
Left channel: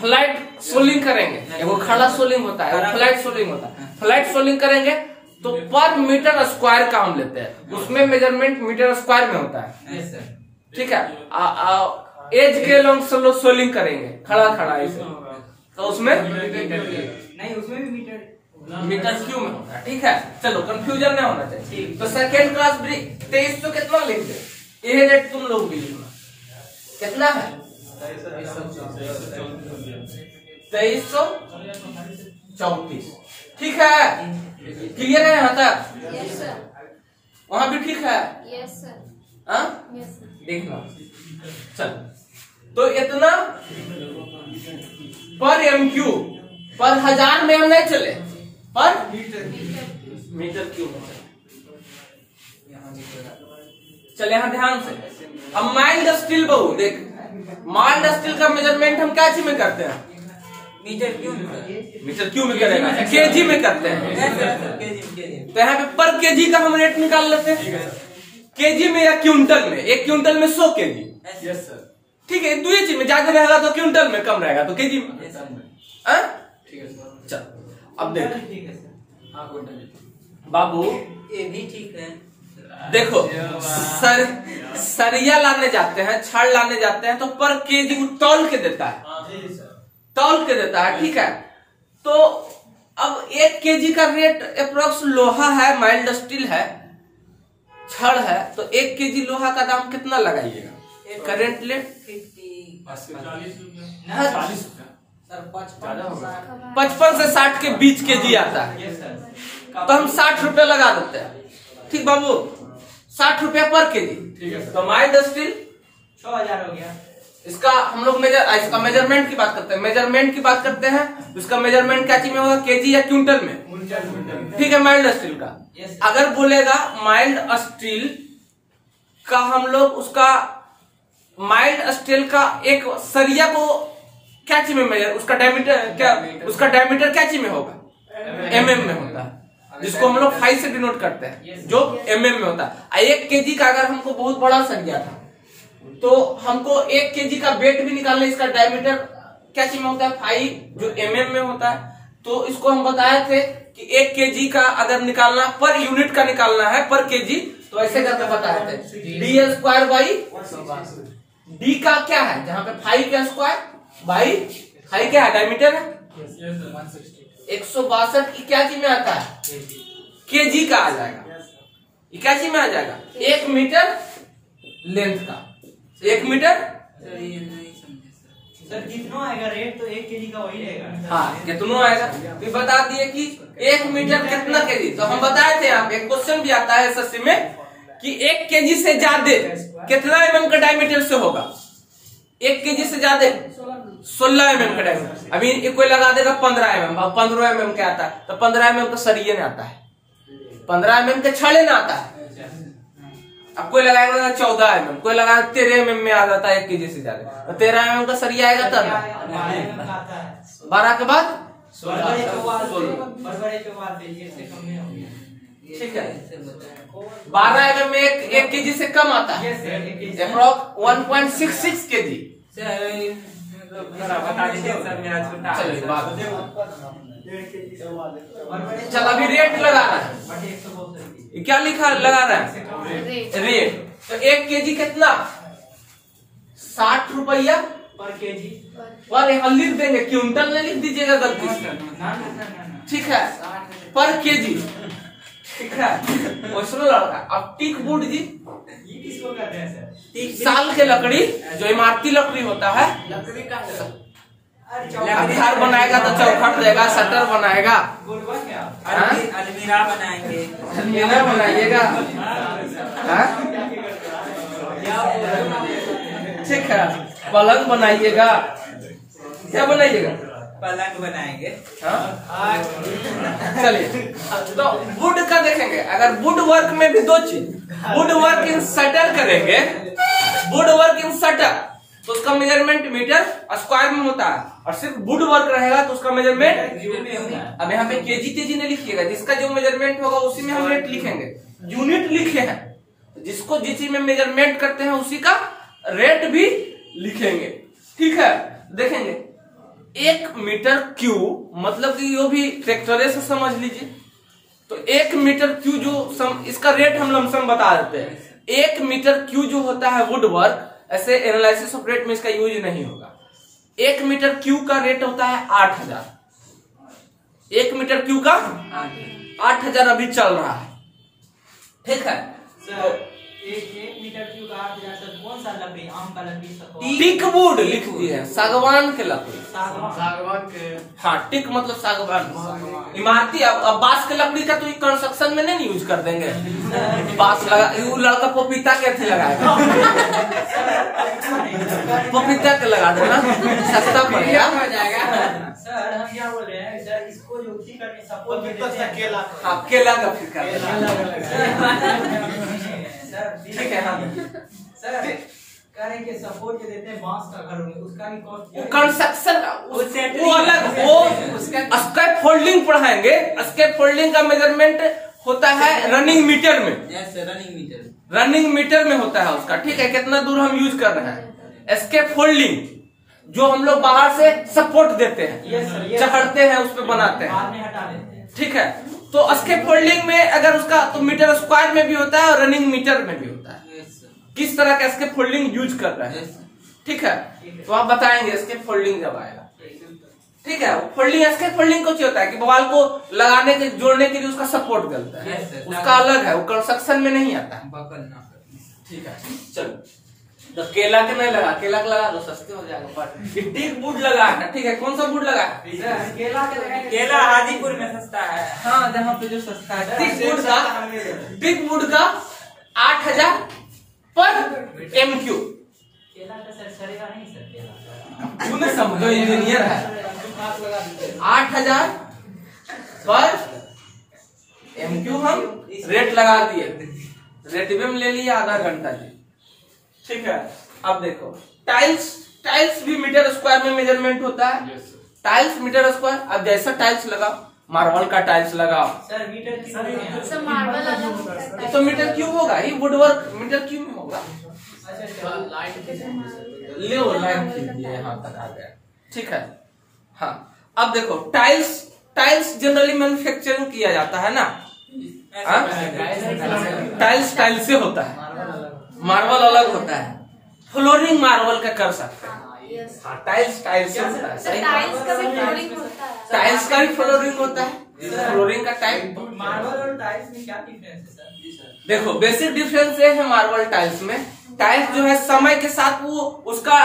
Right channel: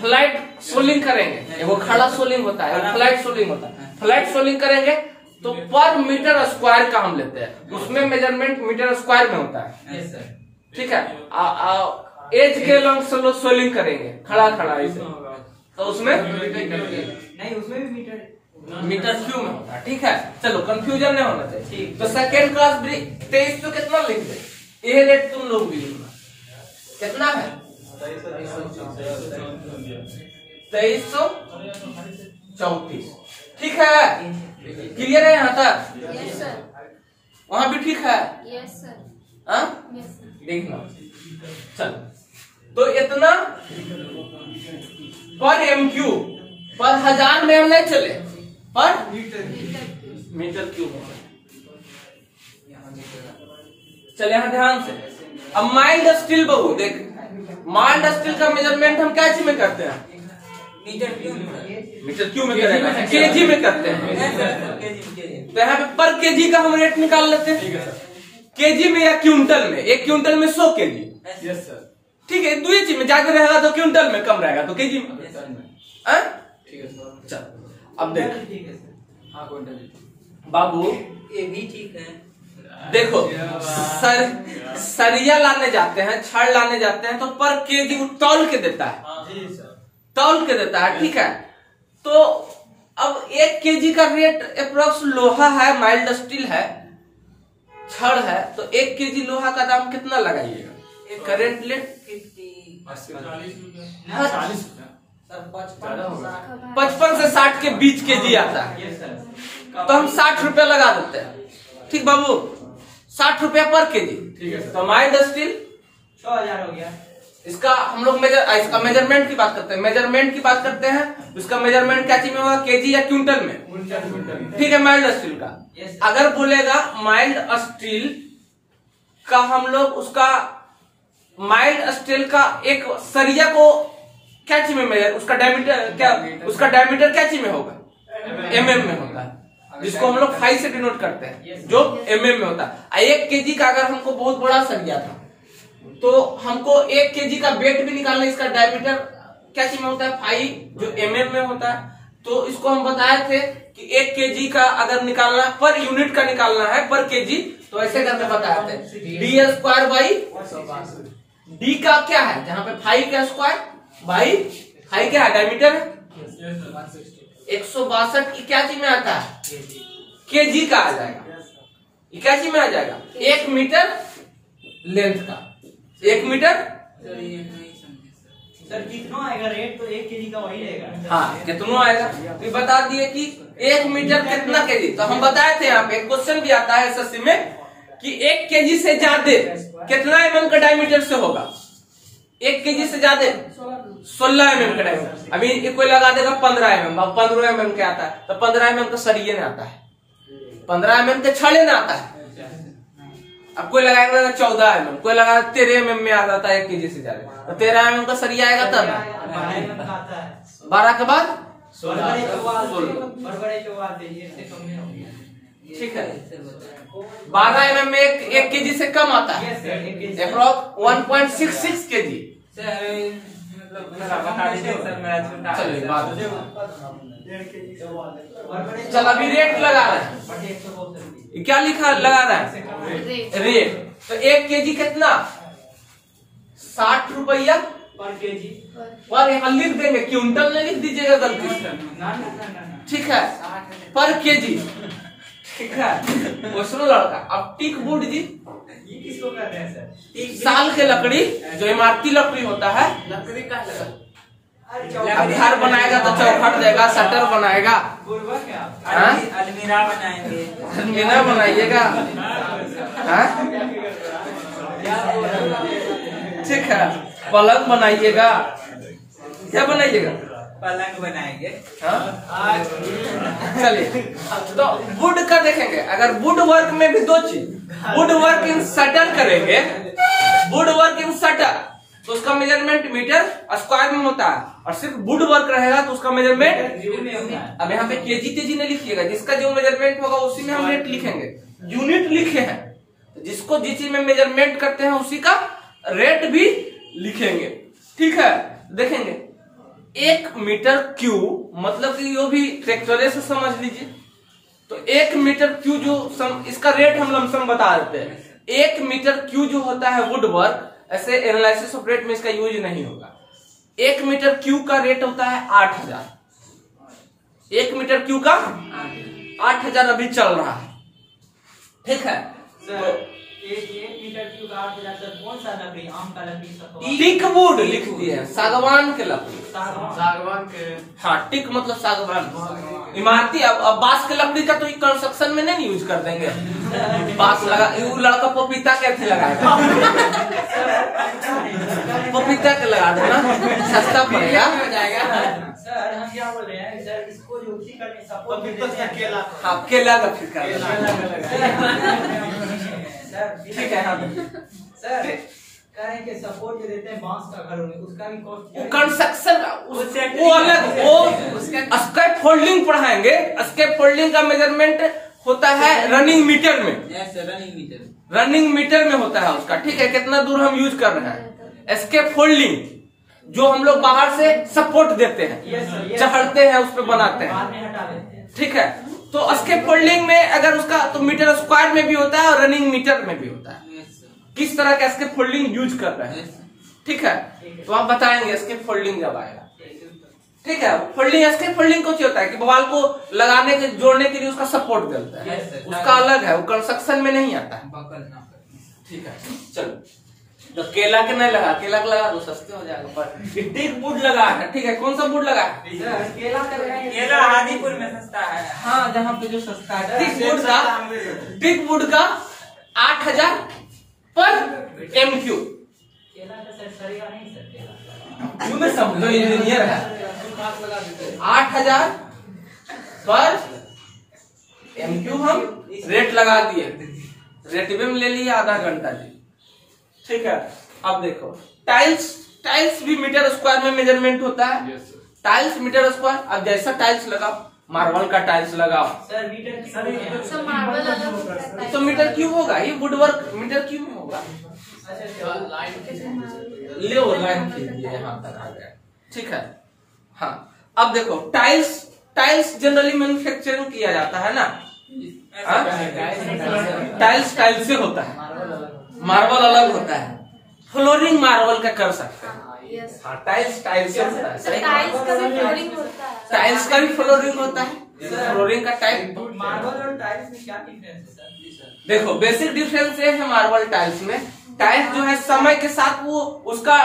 फ्लाइट सोलिंग करेंगे। वो खड़ा सोलिंग होता है, वो फ्लाइट सोलिंग होता है। फ्लाइट सोलिंग करेंगे तो पर मीटर स्क्वायर का हम लेते हैं, उसमें मेजरमेंट मीटर स्क्वायर में होता है। ठीक है। एज के लॉन्ग सोलिंग करेंगे खड़ा खड़ा ऐसे, तो उसमें नहीं, उसमें भी मीटर क्यूब में होता है। ठीक है, चलो कंफ्यूजन नहीं होना चाहिए। तो सेकेंड क्लास 2300 कितना लिख दे, ये रेट तुम लोग भी लिखना। कितना है? 2334। ठीक है, क्लियर है यहाँ तक? Yes sir. वहाँ भी ठीक है? Yes sir. हाँ यस सर। देखना। चल तो इतना पर MQ पर 1000 में हम नहीं चले, पर मीटर क्यूब। चल यहाँ ध्यान से। अब माइल्ड स्टील बहु देख, माइल्ड स्टील का मेजरमेंट हम क्या चीज में करते हैं? मीटर क्यों में करेगा, केजी में करते हैं। तो यहाँ पे पर केजी का हम रेट निकाल लेते हैं, केजी में या क्विंटल में। एक क्विंटल में 100 केजी। Yes sir. ठीक है, दो ही चीज में ज्यादा रहेगा तो क्विंटल में, कम रहेगा तो केजी में। ठीक है सर। चल अब देख ठीक है सर। हाँ क्विंटल बाबू, ये भी ठीक है। देखो सरिया लाने जाते हैं, छड़ लाने जाते हैं तो पर केजी तौल के देता है, तौल के देता है। ठीक है, तो अब 1 केजी का रेट अप्रोक्स लोहा है, माइल्ड स्टील है, छड़ है, तो 1 केजी लोहा का दाम कितना लगाइएगा करेंट रेट? 55 से 60 के बीच केजी आता है, तो हम 60 रुपया लगा देते हैं। ठीक बाबू, 60 रुपया पर केजी। ठीक है सर। तो माइल्ड स्टील 6000 हो गया। इसका हम लोग इसका मेजरमेंट की बात करते हैं, मेजरमेंट की बात करते हैं। इसका मेजरमेंट क्या चीज में होगा, केजी या क्विंटल में? ठीक है, माइल्ड स्टील का। अगर बोलेगा माइल्ड स्टील का, हम लोग उसका माइल्ड स्टील का एक सरिया को क्या चीज में मेजर, उसका डायमीटर क्या, उसका डायमीटर क्या चीज में होगा? mm में होता है, जिसको हम लोग 5 से डिनोट करते हैं, जो mm में होता है। 1 केजी का अगर हमको बहुत बड़ा सरिया था तो हमको 1 केजी का वेट भी निकालना, इसका डायमीटर क्या चीज में होता है? 5, जो mm में होता है। तो इसको हम बताए थे कि 1 केजी का अगर निकालना, पर यूनिट का निकालना है पर केजी, तो ऐसे करके बताए थे। d² डी का क्या है, जहाँ पे 5 का स्क्वायर बाई 5 क्या है, डायमीटर है। 162 की क्या चीज में आता है? केजी का आ जाएगा। ये क्या चीज में आ जाएगा? 1 मीटर लेंथ का, 1 मीटर। सर जितना आएगा रेट तो 1 केजी का वही रहेगा। हाँ, कितना आएगा तो बता दिए कि 1 मीटर कितना केजी। तो हम बताए थे, यहाँ पे क्वेश्चन भी आता है एसएससी में कि 1 केजी से ज्यादा कितना mm का डायमीटर से होगा? 1 केजी से ज्यादा 16 mm का डायमीटर। अभी कोई लगा देगा 15 mm, 15 mm क्या आता है? तो 15 mm का सरिये में आता है, 15 mm के छड़े में आता है। अब कोई लगाएगा 14 mm, कोई लगा 13 mm में आ जाता है 1 केजी से ज्यादा, तो 13 mm का सरिया आएगा तब ना। 12 के बाद 16। ठीक है, 12 mm में 1 केजी से कम आता है, अप्रोक्स 1.66 केजी। चलिए बात, चल अभी रेट लगा रहा है, क्या लिखा लगा रहा है? रेट। तो 1 केजी कितना? 60 रुपया पर केजी। और यहाँ लिख देंगे, क्विंटल में लिख दीजिएगा गलती से। ठीक है, पर केजी। ठीक है, सुनो लड़का। अब टीक वुड जी, ये किसको कर रहे हैं सर? साल के लकड़ी, जो इमारती लकड़ी होता है, लकड़ी का है। अब घर बनाएगा तो चौखट देगा, शटर बनाएगा, बोलवा क्या? अलमीरा बनाएंगे, अलमीरा बनाइएगा। ठीक है, पलंग बनाइएगा, क्या बनाइएगा? पलंग बनाएंगे। चलिए तो वुड का देखेंगे। अगर वुड वर्क में भी दो चीज, वुड वर्क इन शटर करेंगे, वुड वर्क इन शटर तो उसका मेजरमेंट मीटर स्क्वायर में होता है, और सिर्फ वुड वर्क रहेगा तो उसका मेजरमेंट, अब यहाँ पे केजी तेजी नहीं लिखिएगा, जिसका जो मेजरमेंट होगा उसी में हम रेट लिखेंगे। यूनिट लिखे हैं तो जिसको जिस चीज में मेजरमेंट करते हैं उसी का रेट भी लिखेंगे। ठीक है, देखेंगे 1 मीटर क्यूब मतलब कि यो भी फैक्टरे से समझ लीजिए। तो 1 मीटर क्यूब जो इसका रेट हम लमसम बता देते हैं। 1 मीटर क्यूब जो होता है वुड वर्क, ऐसे एनालिसिस ऑफ रेट में इसका यूज नहीं होगा। 1 मीटर क्यूब का रेट होता है 8000। 1 मीटर क्यूब का 8000 अभी चल रहा है। ठीक है, सर 1 मीटर क्यूब 8000 सर, कौन सा लकड़ी? आम का लकड़ी सब? टीक वुड लिख दिया, सागवान के लकड़ी। सागवान के। हाँ, टिक मतलब सागवान इमारती। अब बांस के लकड़ी का तो कंस्ट्रक्शन में नहीं यूज कर देंगे। बांस लगा, लड़का पपीता के अथी लगाएगा, पपीता के लगा देना, सस्ता पड़ेगा। सर हम क्या बोल रहे हैं सर, इसको जो उसी करने सपोर्ट देते हैं केला। हाँ, केला का फिर कर ठीक है। हाँ सर, कह रहे हैं कि सपोर्ट जो देते हैं बांस का घर में, उसका भी कॉस्ट कंस्ट्रक्शन वो अलग, वो स्केप फोल्डिंग पढ़ाएंगे। स्केप फोल्डिंग का मेजरमेंट होता है रनिंग मीटर में। रनिंग मीटर में होता है उसका। ठीक है, कितना दूर हम यूज कर रहे हैं। स्केप फोल्डिंग जो हम लोग बाहर से सपोर्ट देते हैं, चढ़ते हैं, उस पर बनाते हैं। ठीक है, तो स्केप फोल्डिंग में अगर उसका तो मीटर स्क्वायर में भी होता है और रनिंग मीटर में भी होता है। किस तरह का स्केप फोल्डिंग यूज कर रहे हैं। ठीक है, तो आप बताएंगे स्केप फोल्डिंग जब आएगा। ठीक है, फोल्डिंग स्केप फोल्डिंग कुछ होता है कि बवाल को लगाने के जोड़ने के लिए उसका सपोर्ट मिलता है, उसका अलग है, वो कंस्ट्रक्शन में नहीं आता है। ठीक है, चलो तो केला के नहीं लगा, केला का लगा तो सस्ते हो जाएगा। पर टिक वुड लगा है। ठीक है, कौन सा वुड लगा है? केला का लगाएंगे। केला हाजीपुर में सस्ता है। हाँ, जहाँ पे जो सस्ता है। टिक वुड का 8000 पर एमक्यू। केला का सर सड़ेगा नहीं सर? केला क्यों ना, समझो इंजीनियर है। 8000 पर एमक्यू हम रेट लगा दिए, रेट में ले लिया आधा घंटा जी। ठीक है, अब देखो टाइल्स भी मीटर स्क्वायर में मेजरमेंट होता है। Tiles meter square. अब जैसा टाइल्स लगाओ, मार्बल का टाइल्स लगाओ सर, मीटर सब मार्बल अलग होता है तो मीटर क्यूब होगा ही, वुड वर्क मीटर क्यूब में होगा। ले वो लाइन कीजिए, यहाँ तक आ जाए। ठीक है, हाँ अब देखो टाइल्स जनरली मैन्युफैक्चरिंग किया जाता है ना। टाइल्स से होता है, मार्बल अलग होता है। फ्लोरिंग मार्बल का कर सकते हैं। टाइल्स से होता है। टाइल्स का भी फ्लोरिंग होता है। टाइल्स का भी फ्लोरिंग होता है। फ्लोरिंग का टाइप मार्बल और टाइल्स में क्या डिफरेंस है सर? देखो, बेसिक डिफरेंस ये है मार्बल टाइल्स में। टाइल्स जो है समय के साथ वो उसका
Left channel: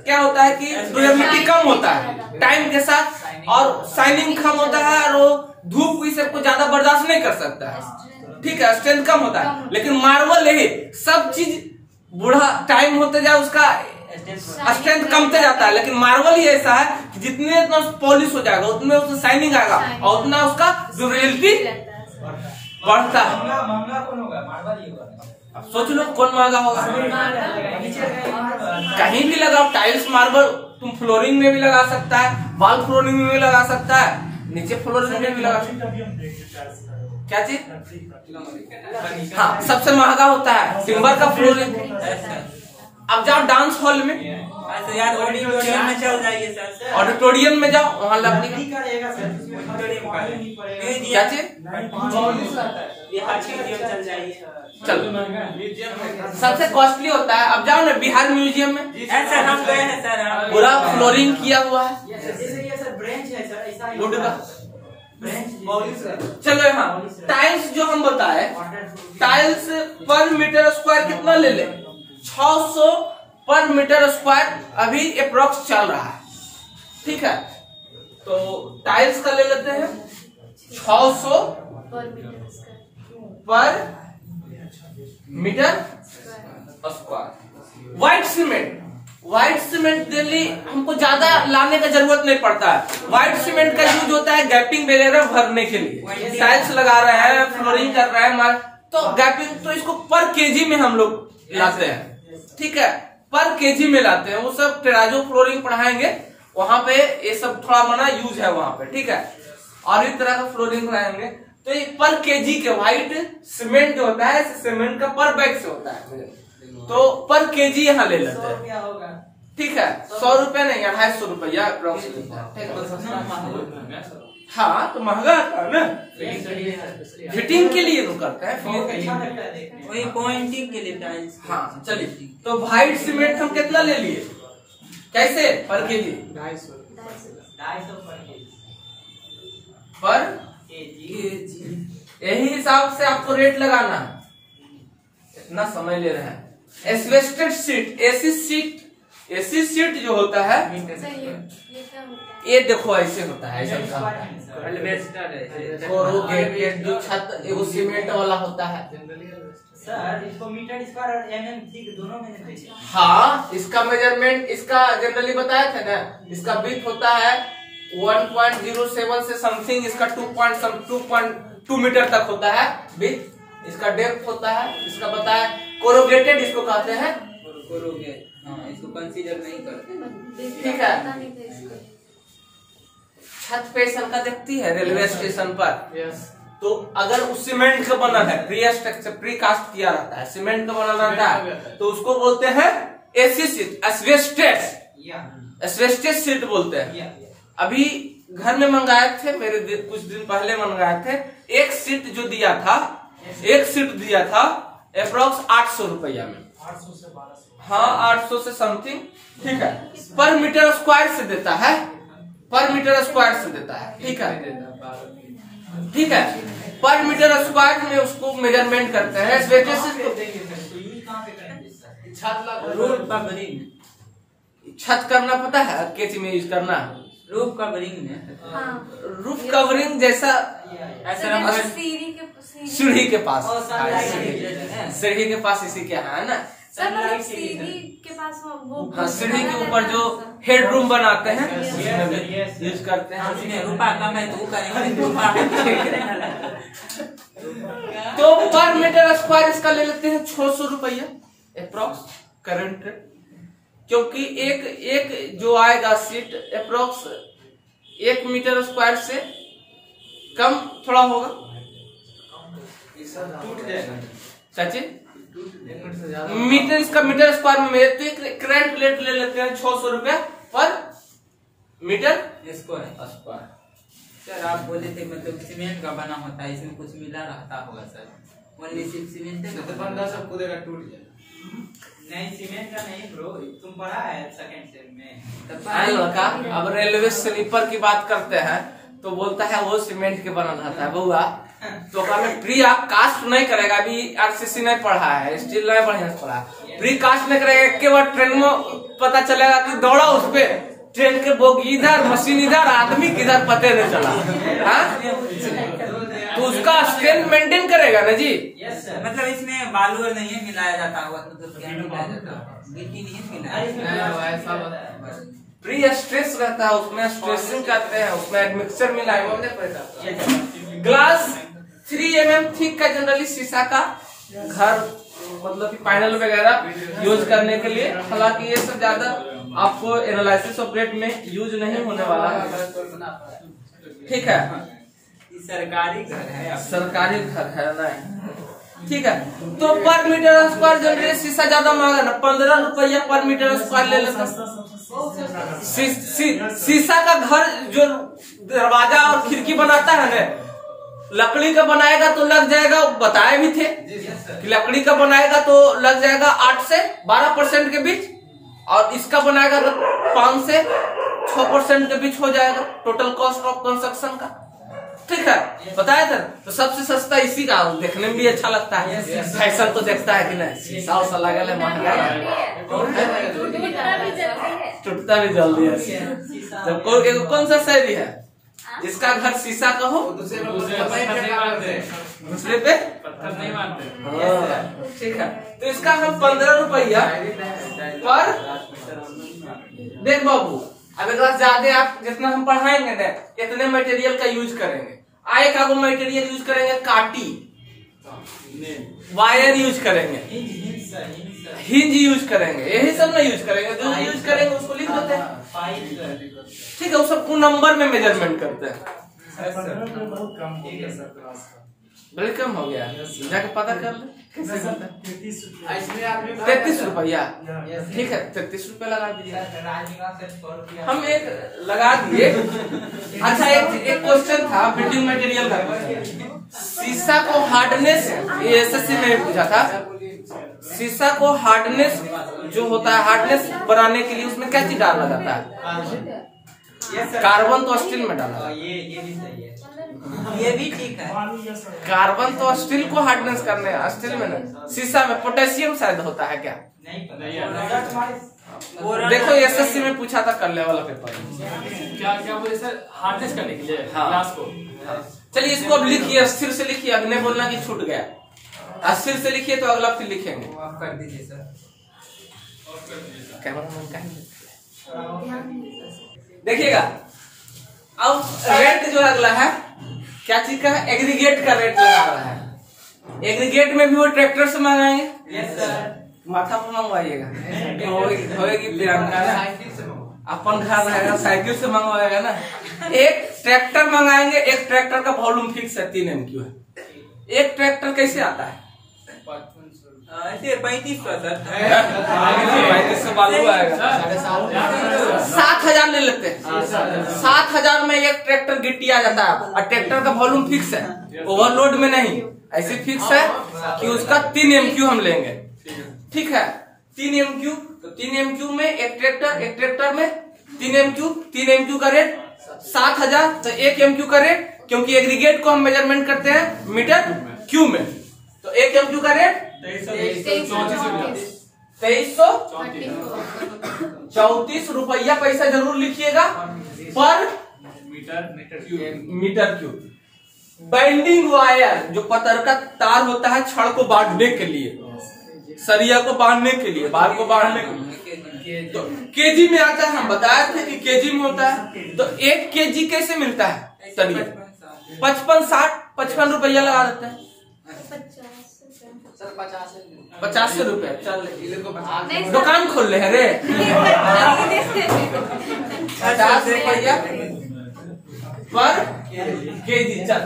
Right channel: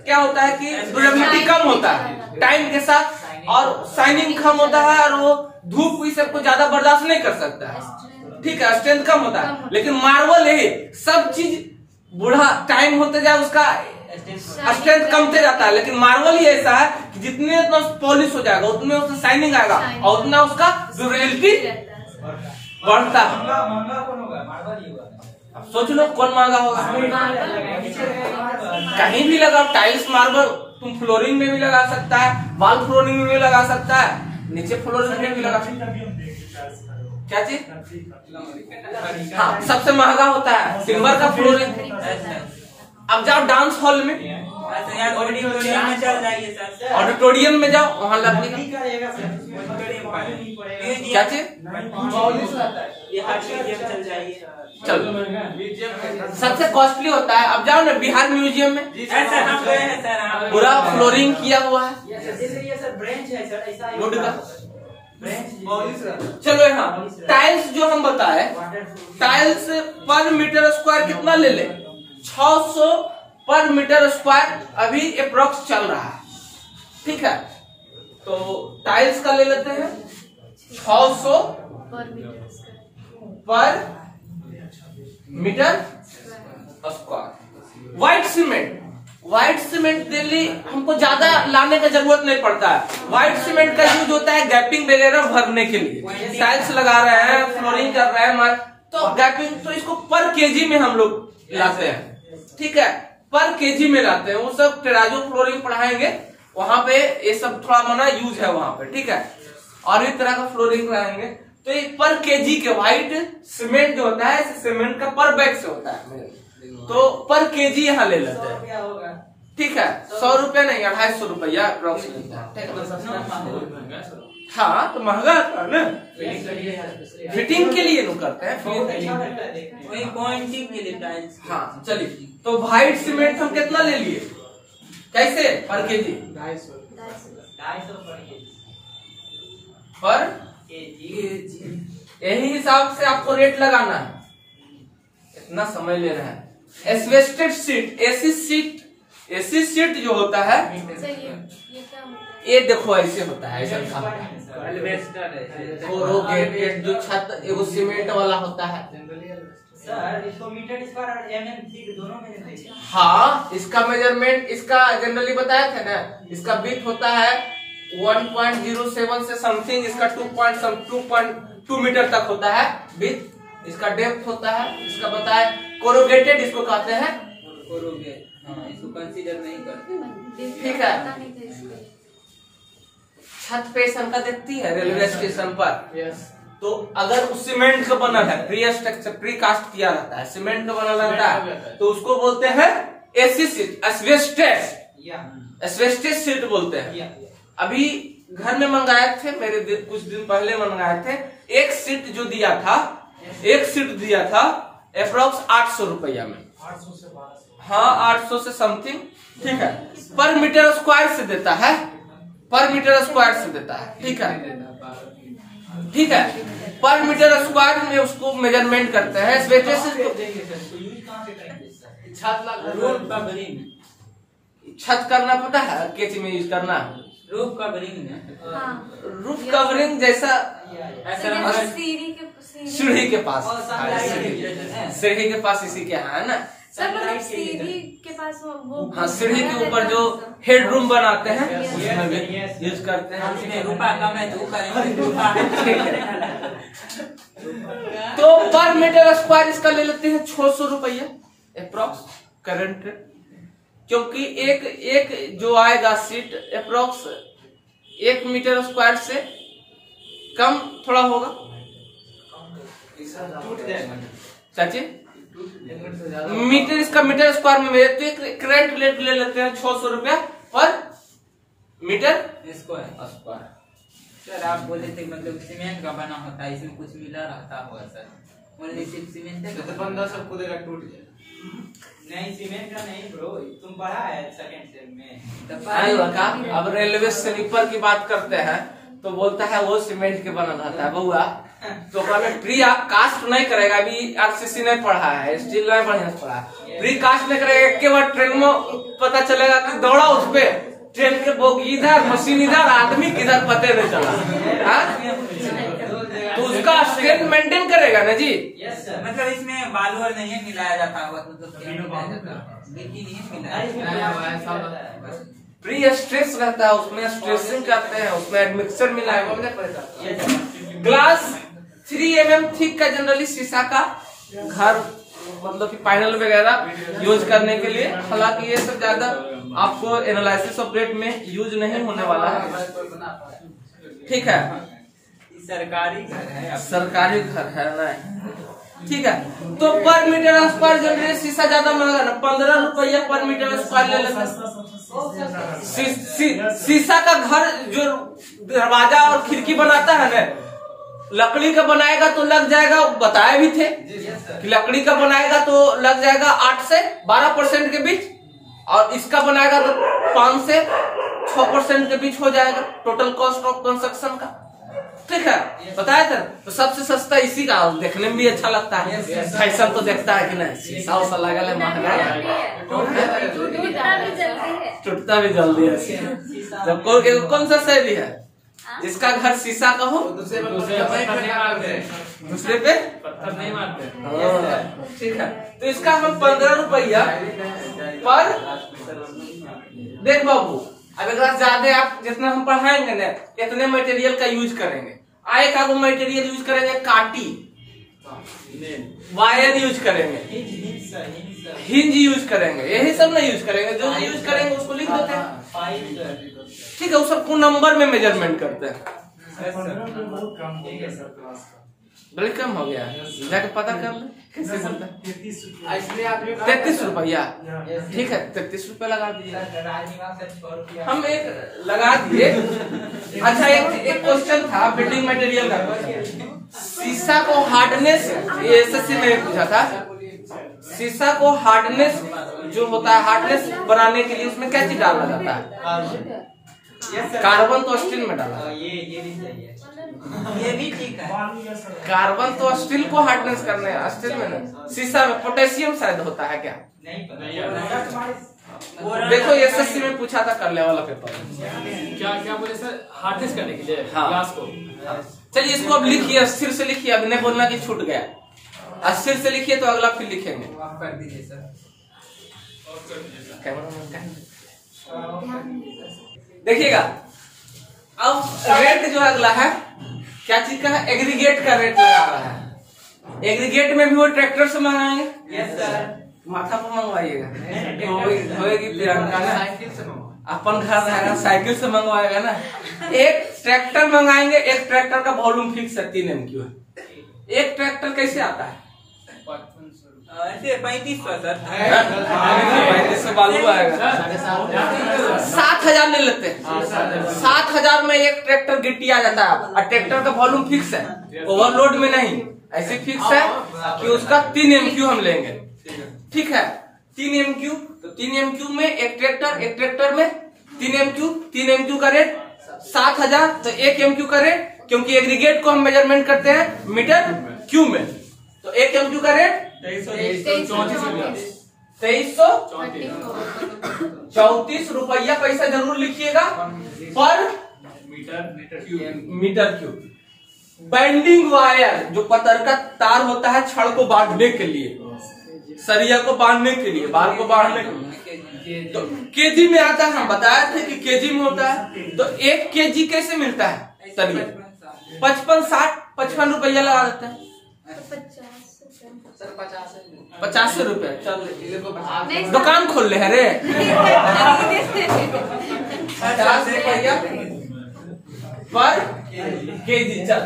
क्या होता है कि ड्यूरेबिलिटी कम होता है टाइम के साथ, और शाइनिंग कम होता है, और वो धूप इस सबको ज्यादा बर्दाश्त नहीं कर सकता है। ठीक है, स्ट्रेंथ कम होता है। लेकिन मार्बल यही सब चीज बूढ़ा टाइम होते जाए उसका स्ट्रेंथ कमते जाता है। लेकिन मार्बल ही ऐसा है कि जितने इतना पॉलिश हो जाएगा उतने उसमें शाइनिंग आएगा और उतना उसका ड्यूरेबिलिटी बढ़ता है। महंगा कौन होगा? मार्बल ही होगा। अब सोच लो कौन महंगा होगा। कहीं भी लगाओ टाइल्स मार्बल, तुम फ्लोरिंग में भी लगा सकता है, वॉल फ्लोरिंग में भी लगा सकता है, नीचे फ्लोरिंग में भी लगा सकता है। क्या चीज? हाँ, सबसे महंगा होता है टिम्बर का फ्लोरिंग। अब जाओ डांस हॉल में, ऑडिटोरियम में चल जाइए सर। ऑडिटोरियम में जाओ, वहाँ लकड़ी का क्या चीज? चल जाइए। चलो, सबसे कॉस्टली होता है। अब जाओ ना बिहार म्यूजियम में, ऐसा हम गए हैं सर, पूरा फ्लोरिंग किया हुआ है ये सर ब्रांच है सर, ऐसा वुड का। ब्रांच। चलो यहाँ टाइल्स जो हम बताए, टाइल्स पर मीटर स्क्वायर कितना ले ले? 600 पर मीटर स्क्वायर अभी अप्रोक्स चल रहा है। ठीक है, तो टाइल्स का ले लेते हैं 600 पर meter square. White cement white cement Delhi हमको ज्यादा लाने का जरूरत नहीं पड़ता है। व्हाइट सीमेंट का यूज होता है गैपिंग वगैरह भरने के लिए, टाइल्स लगा रहे हैं, फ्लोरिंग कर रहे हैं, तो गैपिंग, तो इसको पर केजी में हम लोग लाते हैं, ठीक है, पर केजी में लाते हैं। वो सब टेराजो फ्लोरिंग पढ़ाएंगे वहां पे, ये सब थोड़ा मना यूज है वहां पे, ठीक है। और इस तरह का फ्लोरिंग लाएंगे तो ये पर केजी के व्हाइट सीमेंट जो होता है सीमेंट का पर बैग से होता है, तो पर केजी यहाँ ले लेते हैं, ठीक है। 100 रुपया नहीं, 250 रुपया अप्रोक्सीमेट। हाँ तो महंगा आता है ना, फिटिंग के लिए लोग करते हैं, वही पॉइंटिंग के लिए टाइल्स। हाँ चलिए, तो व्हाइट सीमेंट हम कितना ले लिए, कैसे पर केजी? 250 पर यही हिसाब से आपको रेट लगाना है, इतना समय ले रहे हैं। एस्बेस्टेड सीट, एसी सीट जो होता है सही है। ये क्या होता है? ये देखो ऐसे होता है, ऐसा एल्वेस्टर है। जो छत एगो सीमेंट वाला होता है। सर इसको मीटर स्क्वायर और mm ठीक दोनों में नहीं देखा। हाँ इसका मेजरमेंट, इसका जनरली बताया था ना, इसका विड्थ होता है 1.07 से समथिंग, इसका 2.2 मीटर तक होता है विड्थ, इसका डेप्थ होता है, इसका बताए कोरोगेटेड इसको कहते हैं, कोरोगेट, हाँ इसको कंसीडर नहीं करते, ठीक है। पता नहीं था इसको। छत पे संका देखती है रेलवे स्टेशन पर, तो अगर उस सीमेंट का बना है, प्री कास्ट किया रहता है, सीमेंट का बना रहता है, तो उसको बोलते हैं एसी सीट, एस्बेस्टेड सीट बोलते हैं। अभी घर में मंगाए थे, मेरे कुछ दिन पहले मंगाए थे, एक सीट जो दिया था, एक सीट दिया था अप्रोक्स 800 रुपया में, 800 से 1200। हाँ 800 से समथिंग, ठीक है। पर मीटर स्क्वायर से देता है, पर मीटर स्क्वायर से देता है, ठीक है, ठीक है। पर मीटर स्क्वायर में उसको मेजरमेंट करते हैं। छत करना पता है, कैसे में यूज करना है, रूफ कवरिंग। हाँ रूफ कवरिंग जैसा सीढ़ी के पास, सीढ़ी के पास इसी के है ना सब मतलब सीढ़ी के पास वो हाँ, सीढ़ी के ऊपर जो हेड रूम बनाते हैं उसमें भी यूज करते हैं। रूपा कम है तो करेंगे, तो पर मीटर स्क्वायर इसका ले लेते हैं 600 रुपया अप्रोक्स करंट, क्योंकि एक जो आएगा सीट अप्रोक्स 1 मीटर स्क्वायर से कम थोड़ा होगा, चाची मीटर, इसका मीटर स्क्वायर में मेरे करंट रेट ले लेते हैं 600 रुपया पर मीटर स्क्वायर। सर आप बोले थे मतलब सीमेंट का बना होता है, इसमें कुछ मिला रहता होगा सर, ओनली सिर्फ सीमेंट है, बंदा सब खुदेगा टूट जाए। नहीं सीमेंट का नहीं ब्रो, तुम पढ़ा है सेकंड सेम में। लड़का अब रेलवे स्लीपर की बात करते हैं तो बोलता है वो सीमेंट के बना रहता है बउआ, तो प्री कास्ट नहीं करेगा, अभी आरसीसी नहीं पढ़ा है, स्टील नहीं बढ़िया से पढ़ा है, प्री कास्ट नहीं करेगा, एक के बाद ट्रेन में पता चलेगा कि दौड़ा उस पे, ट्रेन के बोगी इधर, मशीन इधर, आदमी किधर पते नहीं चला, हाँ तो उसका स्ट्रेंथ मेंटेन करेगा ना जी। Yes sir. मतलब इसमें बालू और नहीं मिलाया जाता होगा, तो क्या मिलाया जाता है, गिट्टी नहीं मिलाया जाता, प्री स्ट्रेस रहता है, उसमें स्ट्रेसिंग करते हैं, उसमें एडमिक्सर मिलाया हुआ नहीं। ग्लास 3 mm थिक का जनरली शीशा का घर मतलब कि पैनल वगैरह यूज करने के लिए, हालांकि ये सब ज्यादा आपको एनालिसिस ऑफ रेट में यूज नहीं होने वाला है, ठीक है। सरकारी घर है, सरकारी घर है ना, ठीक है। तो पर मीटर स्क्वायर जनरली शीशा ज्यादा महंगा ना, 15 रुपया पर मीटर स्क्वायर ले लेते हैं। शीशा का घर जो दरवाजा और खिड़की बनाता है ना, लकड़ी का बनाएगा तो लग जाएगा, बताए भी थे कि लकड़ी का बनाएगा तो लग जाएगा 8 से 12% के बीच, और इसका बनाएगा तो 5 से 6% के बीच हो जाएगा टोटल कॉस्ट ऑफ कंस्ट्रक्शन का, ठीक है, बताया सर। तो सबसे सस्ता इसी का, देखने में भी अच्छा लगता है, फैशन तो देखता है कि नहीं, शीशा उसा लगा ले महंगा है, टूटता भी जल्दी है। जब कौन सा शैली है जिसका घर शीशा का हो, दूसरे पे पत्थर नहीं मारते, ठीक है। तो इसका हम 15 रुपया पर देख बाबू, अब एक बार ज्यादा आप जितना हम पढ़ाएंगे ना इतने मटेरियल का यूज करेंगे। आए का वो मटेरियल यूज करेंगे, काटी, वायर यूज करेंगे, हिंज यूज करेंगे, यही सब ना यूज करेंगे। जो यूज करेंगे उसको लिख देते हैं, ठीक है। वो सबको नंबर में मेजरमेंट करते हैं। बड़ी कम हो गया, जाके पता कर ले कैसे बनता है। 33 रुपया, ठीक है 33 रुपया लगा दीजिए। हम एक लगा दिए। अच्छा, एक क्वेश्चन था बिल्डिंग मटेरियल का। शीशा को हार्डनेस, ये एसएससी में पूछा था। शीशा को हार्डनेस जो होता है, हार्डनेस बनाने के लिए उसमें क्या चीज डाला जाता है? कार्बन तो स्टील में डाला। ये भी सही है, ये भी ठीक है। कार्बन तो स्टील को हार्डनेस करने, स्टील में नहीं। शीशा में पोटेशियम शायद होता है क्या? नहीं पता। देखो एसएससी में पूछा था करने वाला पेपर। क्या बोले सर? हार्डनेस करने के लिए हाँ। ग्लास को। चलिए इसको अब लिखिए, स्थिर से लिखिए। अब नहीं बोलना कि छूट गया। स्थिर से लिखिए तो अगला फिर लिखेंगे। कर दीजिए सर। देखिएगा, अब रेट जो अगला है क्या चीज का है? एग्रीगेट का रेट लगा रहा है। एग्रीगेट में भी वो ट्रैक्टर से मंगाएंगे। Yes sir. माथा पर मंगवाइएगा, होएगी प्रियंका ना, अपन घर रहेगा साइकिल से मंगवाएगा ना। एक ट्रैक्टर मंगाएंगे, एक ट्रैक्टर का वॉल्यूम फिक्स है 3 MQ है। एक ट्रैक्टर कैसे आता है? ऐसे 3500 सर। 3500 बालू आएगा। 7000 ले लेते हैं। 7000 में एक ट्रैक्टर गिट्टी आ जाता है। और ट्रैक्टर का वॉल्यूम फिक्स है, ओवरलोड में नहीं। ऐसे फिक्स है कि उसका 3 MQ हम लेंगे, ठीक है। 3 MQ, तो 3 MQ में एक ट्रैक्टर में 3 MQ का रेट 7000। तो 1 MQ का रेट, क्योंकि एग्रीगेट को हम मेजरमेंट करते हैं मीटर क्यू में, तो 1 MQ का रेट 2334 रुपया पैसा जरूर लिखिएगा पर मीटर क्यूब। बाइंडिंग वायर जो पतर का तार होता है छड़ को बांधने के लिए, सरिया को बांधने के लिए, बाल को बांधने के लिए, तो केजी में आता है। हम बताए थे कि केजी में होता है। तो 1 केजी कैसे मिलता है सरिया? 55 रुपया लगा देते हैं। 50 रुपया। चल दुकान खोल ले है रे। 50 रुपया पर केजी। चल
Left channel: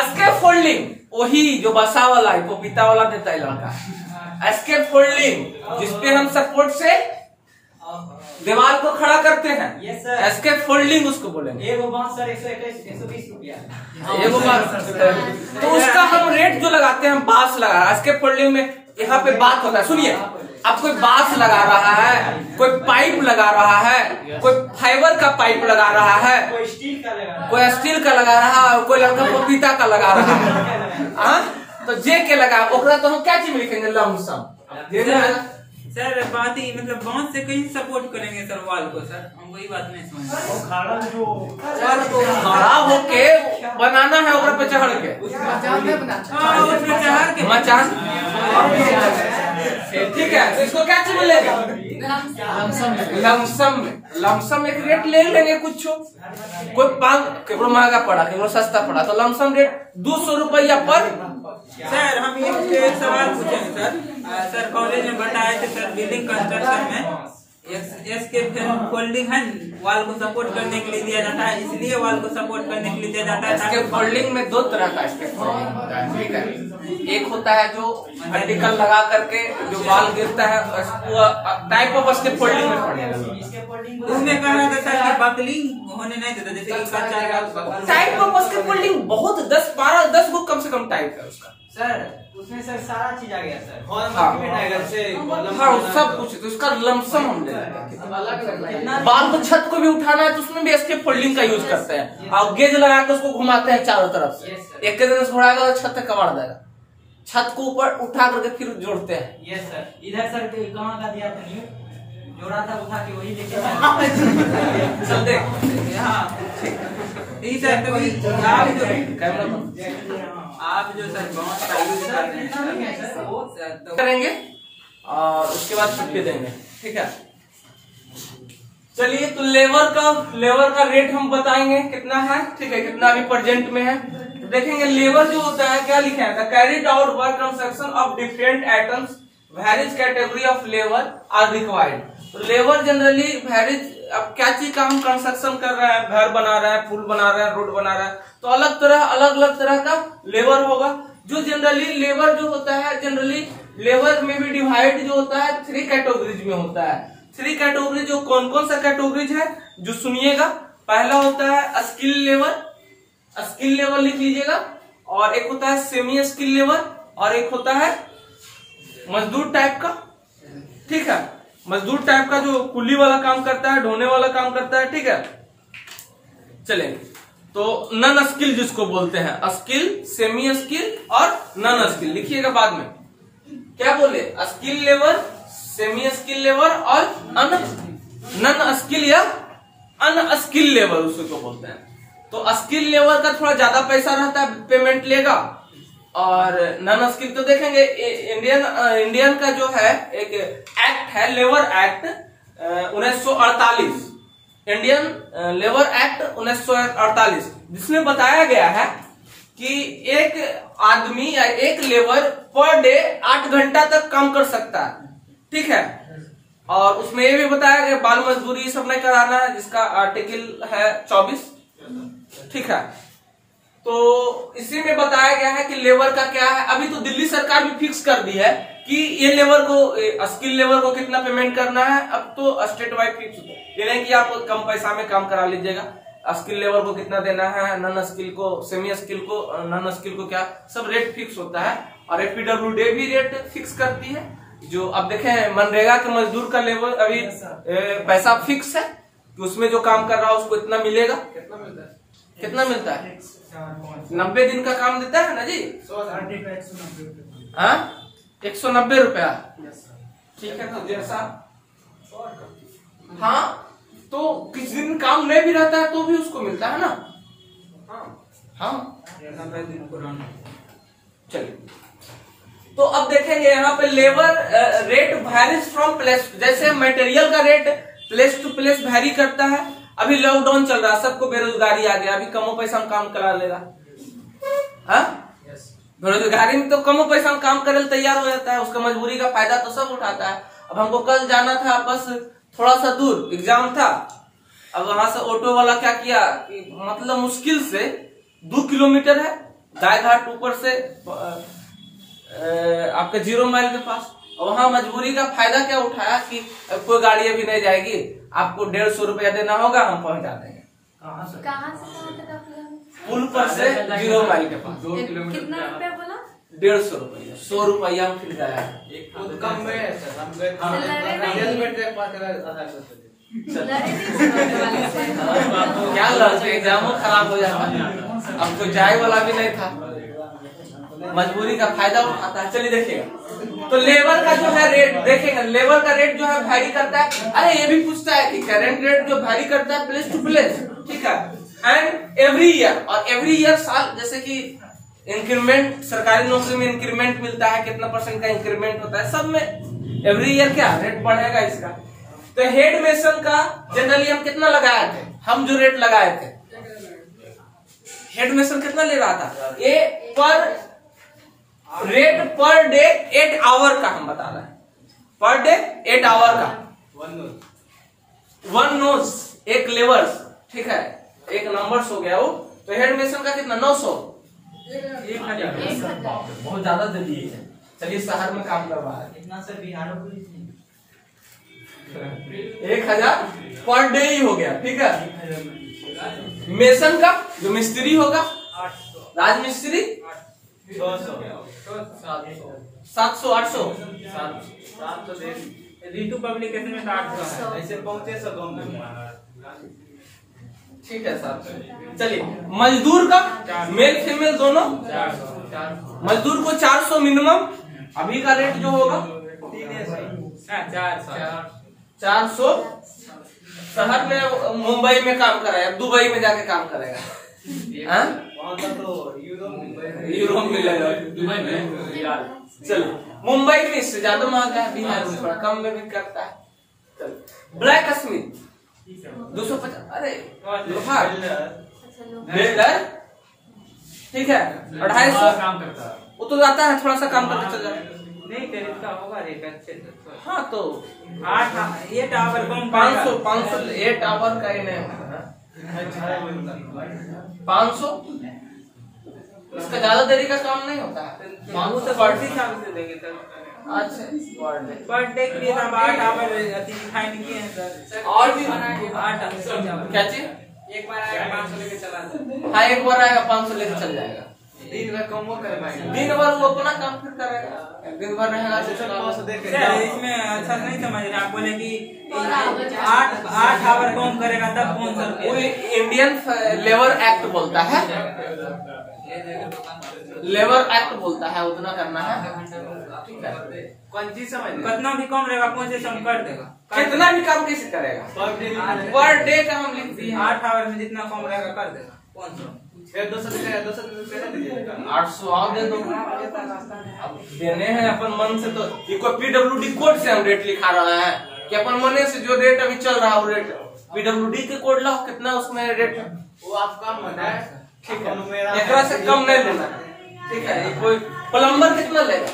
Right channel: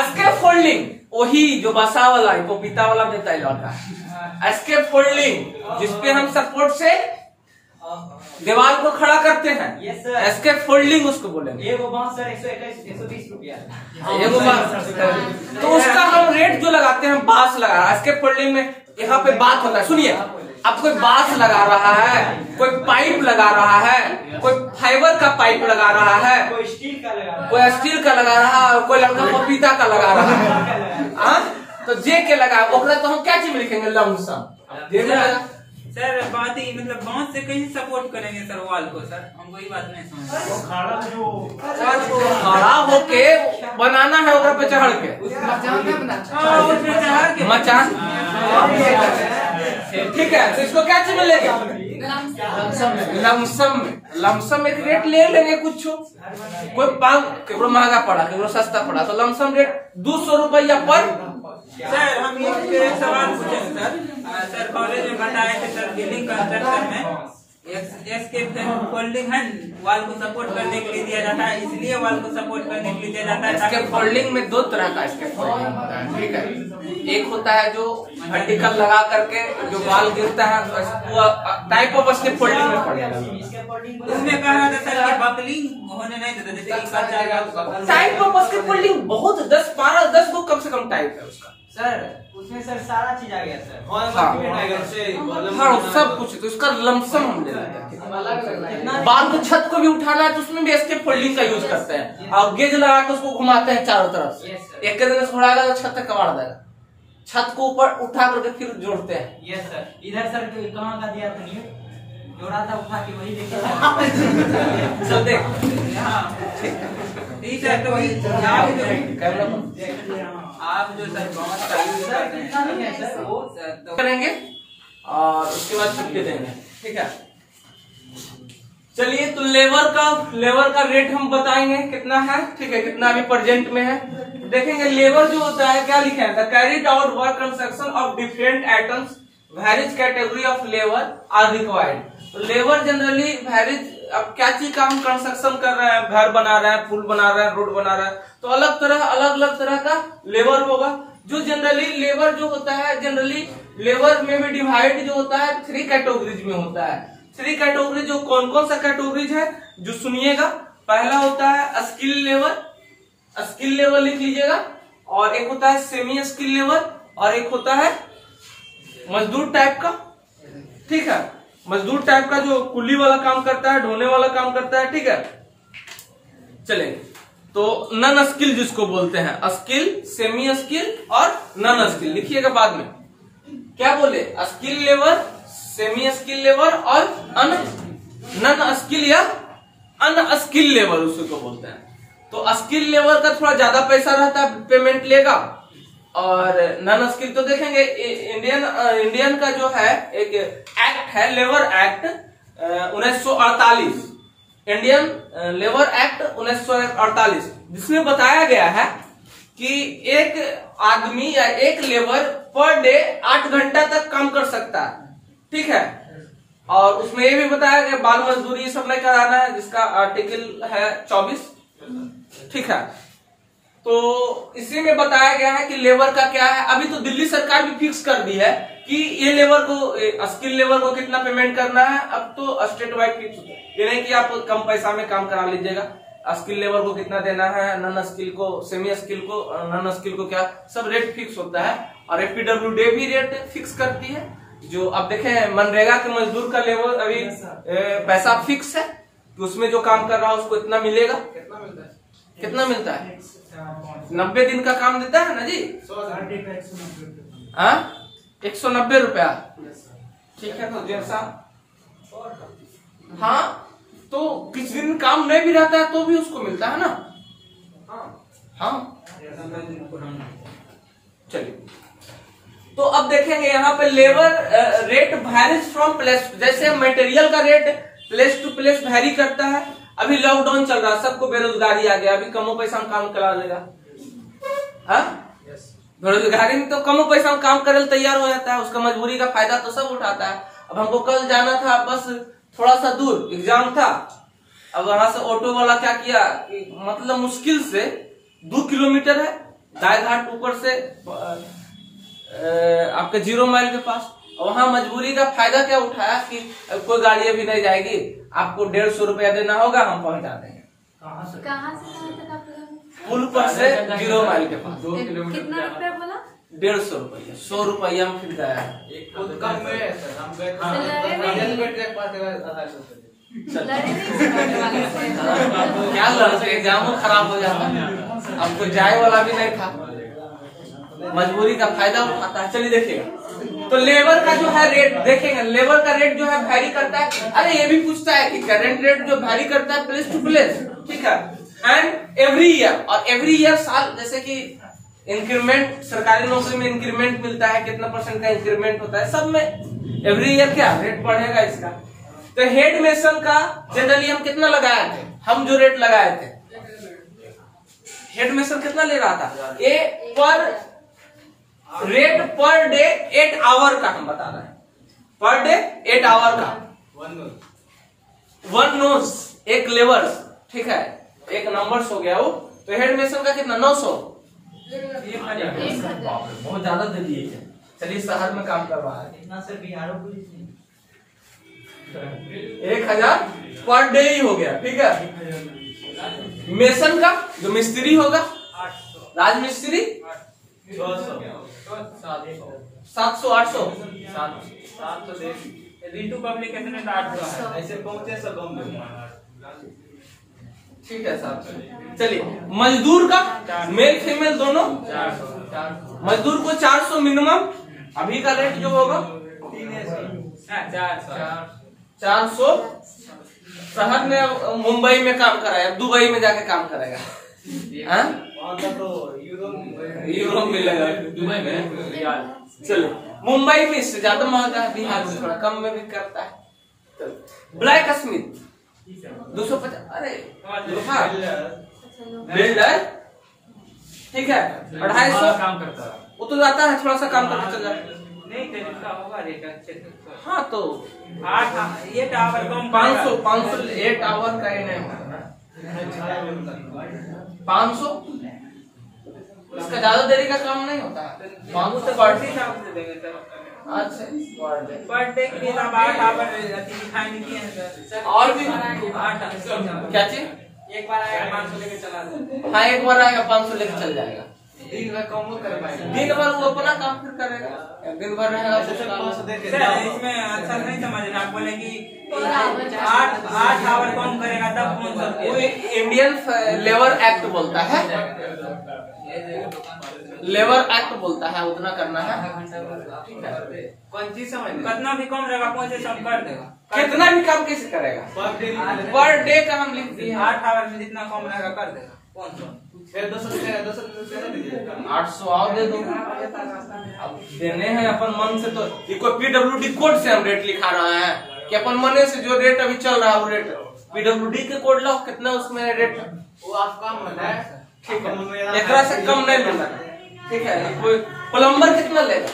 स्केप फोल्डिंग, वही जो बसा वाला है, पपीता वाला देता है लड़का। स्केप फोल्डिंग जिसपे हम सपोर्ट से दीवार को खड़ा करते हैं। Yes sir. स्केप फोल्डिंग उसको बोलेंगे। एगो बांस सर 120 रुपया। एगो बात, तो उसका हम रेट जो लगाते हैं, हम बांस लगा। स्केप फोल्डिंग में यहाँ पे बात होता है, सुनिए। अब कोई बांस लगा रहा है, कोई पाइप लगा रहा है, कोई फाइबर का पाइप लगा रहा है, कोई स्टील का लगा रहा है, कोई स्टील का लगा रहा है, और कोई लड़का पपीता का लगा रहा है। हाँ, तो जे के लगा, ओकरा तो हम क्या चीज में लिखेंगे? लमसम। सर बात ही मतलब बांस से कैसे सपोर्ट करेंगे सर वाल को? सर हम वही बात नहीं समझ। खड़ा होके बनाना है, ओकरा पे चढ़ के मचान, ठीक है। तो इसको क्या चीज मिलेगा? लमसम एक रेट ले लेंगे। कुछ कोई केवल महंगा पड़ा, केवल सस्ता पड़ा, तो लमसम रेट 200 रुपया पर। सर हम एक सवाल पूछेंगे सर कॉलेज में बताए थे सर, बिल्डिंग कंस्ट्रक्शन में एस्केप फोल्डिंग है, वाल को सपोर्ट करने के लिए दिया जाता है, इसलिए वाल को सपोर्ट करने के लिए दिया जाता है। एस्केप फोल्डिंग में 2 तरह का एस्केप फोल्डिंग होता है, ठीक है। एक होता है जो वर्टिकल लगा करके जो वाल गिरता है, वो टाइप ऑफ एस्केप फोल्डिंग में पड़ेगा। उसमें कहा था सर कि बकलिंग होने नहीं देता, जैसे कि कच्चा टाइप ऑफ एस्केप फोल्डिंग बहुत 10 गो कम से कम टाइप है उसका। सर उसमें सर सारा चीज आ गया सर। हाँ, सब कुछ। तो उसका लमसम हम ले लेते हैं। बाल को छत को भी उठाना है तो उसमें भी एस्केप फोल्डिंग का यूज करते हैं, और गेज लगा के उसको घुमाते हैं चारों तरफ से। एक दिन से उड़ाएगा तो छत तक कबाड़ देगा, छत को ऊपर उठा करके फिर जोड़ते हैं। Yes sir. इधर सर कहाँ का दिया था? न्यू जोड़ा था, उठा के वही लेके सब देख आप जो सर बांस का यूज करते हैं करेंगे और उसके बाद छुट्टी देंगे, ठीक है। चलिए, तो लेबर का रेट हम बताएंगे कितना है, ठीक है, कितना अभी प्रेजेंट में है। तो देखेंगे लेबर जो होता है, क्या लिखा है, the carried out work construction of different items various category of labour are required. तो लेबर जनरली वेरियस, अब क्या चीज का हम कंस्ट्रक्शन कर रहे हैं, घर बना रहे हैं, पुल बना रहे हैं, रोड बना रहे हैं, तो अलग अलग तरह का लेबर होगा। जो जनरली लेबर जो होता है, जनरली लेबर में भी डिवाइड जो होता है 3 कैटेगरीज में होता है। 3 कैटेगरी, जो कौन कौन सा कैटेगरीज है जो सुनिएगा। पहला होता है स्किल लेबर लिख लीजिएगा, और एक होता है सेमी स्किल लेबर, और एक होता है मजदूर टाइप का, ठीक है, मजदूर टाइप का जो कुली वाला काम करता है, ढोने वाला काम करता है, ठीक है। चलेंगे, तो नन स्किल जिसको बोलते हैं, स्किल, सेमी स्किल और नन स्किल लिखिएगा बाद में। क्या बोले, skill labour, semi skill labour और नन स्किल या अनस्किल लेबर उसको बोलते हैं। तो स्किल लेबर का थोड़ा ज्यादा पैसा रहता है, पेमेंट लेगा, और नन स्किल तो देखेंगे इंडियन का जो है एक एक्ट है, labour act 1948, Indian labour act 1948, जिसमें बताया गया है कि एक आदमी या एक लेबर पर डे 8 घंटा तक काम कर सकता है, ठीक है। और उसमें ये भी बताया गया बाल मजदूरी ये सब नहीं कराना है, जिसका आर्टिकल है 24, ठीक है। तो इसी में बताया गया है कि लेबर का क्या है। अभी तो दिल्ली सरकार भी फिक्स कर दी है कि ये लेबर को, स्किल लेबर को कितना पेमेंट करना है। अब तो स्टेट वाइड फिक्स होता है, ये नहीं कि आप कम पैसा में काम करा लीजिएगा। स्किल लेबर को कितना देना है, नन स्किल को, सेमी स्किल को, नन स्किल को, क्या सब रेट फिक्स होता है। और एफपीडब्ल्यूडी भी रेट फिक्स करती है। जो अब देखें, मनरेगा के मजदूर का लेबर अभी पैसा फिक्स है कि उसमें जो काम कर रहा है उसको इतना मिलेगा। कितना मिलता है? 90 दिन का काम देता है ना जी, 190 रुपया, ठीक है। तो जैसा, हाँ, तो किस दिन काम नहीं भी रहता है तो भी उसको मिलता है ना। हाँ, चलिए, तो अब देखेंगे यहाँ पे labour rate varies from place, जैसे मटेरियल का rate place to place vary करता है। अभी लॉकडाउन चल रहा है, सबको बेरोजगारी आ गया, अभी कमो पैसा में काम करा लेगा। हाँ, बेरोजगारी में तो कमो पैसा में काम करे तैयार हो जाता है, उसका मजबूरी का फायदा तो सब उठाता है। अब हमको कल जाना था, बस थोड़ा सा दूर एग्जाम था। अब वहां से ऑटो वाला क्या किया कि मतलब मुश्किल से 2 किलोमीटर है, गाय घाट ऊपर से आपके 0 माइल के पास, और वहां मजबूरी का फायदा क्या उठाया कि कोई गाड़ी अभी नहीं जाएगी, आपको 150 रुपया देना होगा, हम पहुंचा देंगे। कहाँ से पुल पर से 0 माइल के पास। 2 किलोमीटर कितना रुपया बोला? 150 रुपया, 100 रुपया हम फिर गया। क्या लड़के, एग्जाम खराब हो जाता, अब कोई जाए वाला भी नहीं था, मजबूरी का फायदा उठाता है। चलिए देखिएगा, तो लेबर का जो है रेट देखेंगे, लेबर का रेट जो है वैरी करता है। अरे ये भी पूछता है कि करंट रेट जो वैरी करता है प्लेस टू प्लेस, ठीक है, एंड एवरी ईयर, और एवरी ईयर साल, जैसे कि इंक्रीमेंट, सरकारी नौकरी में इंक्रीमेंट मिलता है, कितना % का इंक्रीमेंट होता है, सब में एवरी ईयर क्या रेट बढ़ेगा इसका। तो हेड मेसन का जनरली हम कितना लगाए थे, हम जो रेट लगाए थे, हेड मेसन कितना ले रहा था, ये पर रेट पर डे 8 आवर का हम बता रहे हैं, पर डे 8 आवर का, 1 नोज, एक लेबर, ठीक है, एक नंबर्स हो गया वो। तो हेड मेसन का कितना, 900, 1000, बहुत ज्यादा दे दिए है। चलिए, शहर में काम करवा है, इतना sir Bihar police 1000 per day ही हो गया, ठीक है। मेसन का जो मिस्त्री होगा, राजमिस्त्री 700, 800, रीटू पब्लिकेशन में 800 ऐसे पहुंचे सब ठीक है साहब। चलिए, मजदूर का मेल फीमेल दोनों, मजदूर को 400 मिनिमम, अभी का रेट जो होगा 400। शहर में, मुंबई में काम कराया, दुबई में जाके काम करेगा, यूरोप में लगा, दुबई में रियाल। चलो, मुंबई में इससे ज्यादा महंगा है, बिहार में थोड़ा कम में भी करता है। ब्लैक स्मिथ 250, अरे लोहा अच्छा लो। बिल्डर ठीक है 250 काम करता है। वो तो जाता है थोड़ा सा काम करके चल जाता है। नहीं तो इसका होगा रेट अच्छे से। हाँ तो 8 ये टावर कम 500 ये टावर का ही नहीं होगा 500 इसका ज्यादा देरी का काम नहीं होता है 500 पर हिसाब से देंगे सर। अच्छा पर डे के लिए आप 8 आवर दिखाई नहीं किए हैं सर। और भी 8 क्या चीज एक बार आएगा 500 लेके चला जाए। हाँ एक बार आएगा 500 लेके चल जाएगा दिन में कम वो कर पाएगा। दिन भर वो अपना काम फिर करेगा दिन भर रहेगा सर इसमें अच्छा नहीं समझ रहे आप बोले कि और आवर 8 आवर कम करेगा तब कौन सा वो इंडियन लेबर एक्ट बोलता है लेबर एक्ट बोलता है उतना करना है ठीक है कौन चीज समझ कितना भी कम रहेगा कौन से कम कर देगा। कितना भी काम कैसे करेगा पर डे का हम लिख दिए 8 आवर में जितना कम रहेगा कर देगा कौन सा। फिर 200 रुपया दीजिएगा। 800 और दे दो अब देने हैं अपन मन से तो ये कोई पीडब्ल्यूडी कोड से हम रेट लिखा रहे हैं कि अपन मने से जो रेट अभी चल रहा है वो रेट पीडब्ल्यूडी के कोड लाओ कितना उसमें रेट वो आप काम बताए ठीक है एकरा से कम नहीं लेना ठीक है कोई प्लम्बर कितना लेगा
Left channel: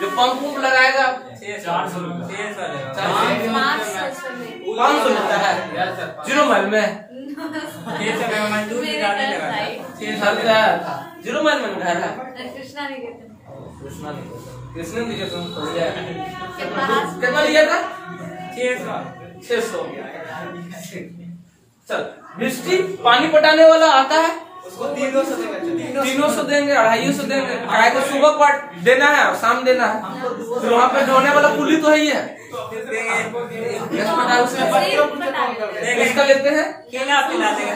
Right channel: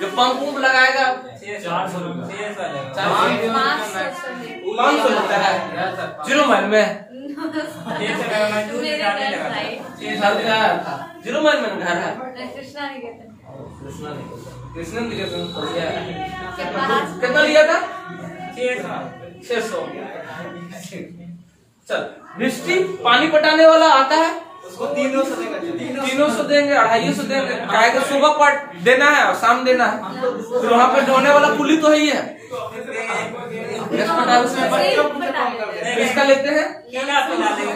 जो पंप उप लगाएगा 400 रुपये। 500 लगता है जीरो माइल में घर गया था जीरो माइल में घर है कृष्णा नहीं कहते कृष्ण की जो तुम पास कितना लिया था 600 चल मिस्टी पानी पटाने वाला आता है उसको 300 देगा 300 देंगे 250 देंगे काय तो सुबह पर देना है और शाम देना है फिर वहाँ पे ढोने वाला पुली तो है ही है इस प्रकार से इसका लेते हैं केला पिला देंगे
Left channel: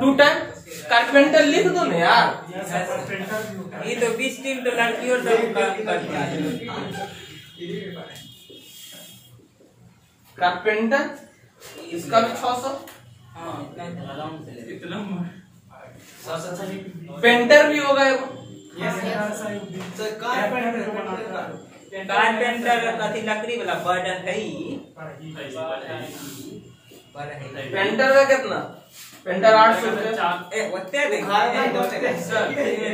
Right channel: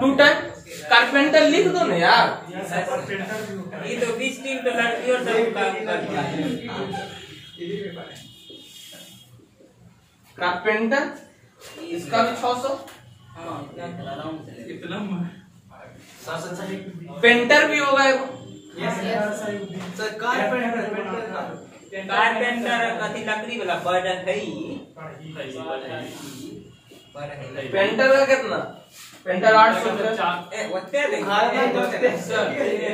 2 टाइम कारपेंटर लिख दो ना यार ये तो 20 टीम तो लड़की और सब काम करती है। कारपेंटर इसका भी 600 कितना पेंटर भी होगा एगो कारपेंटर कथी लकड़ी वाला बर्ड है पेंटर का कितना पेंटर 800 रुपये ए होते देंगे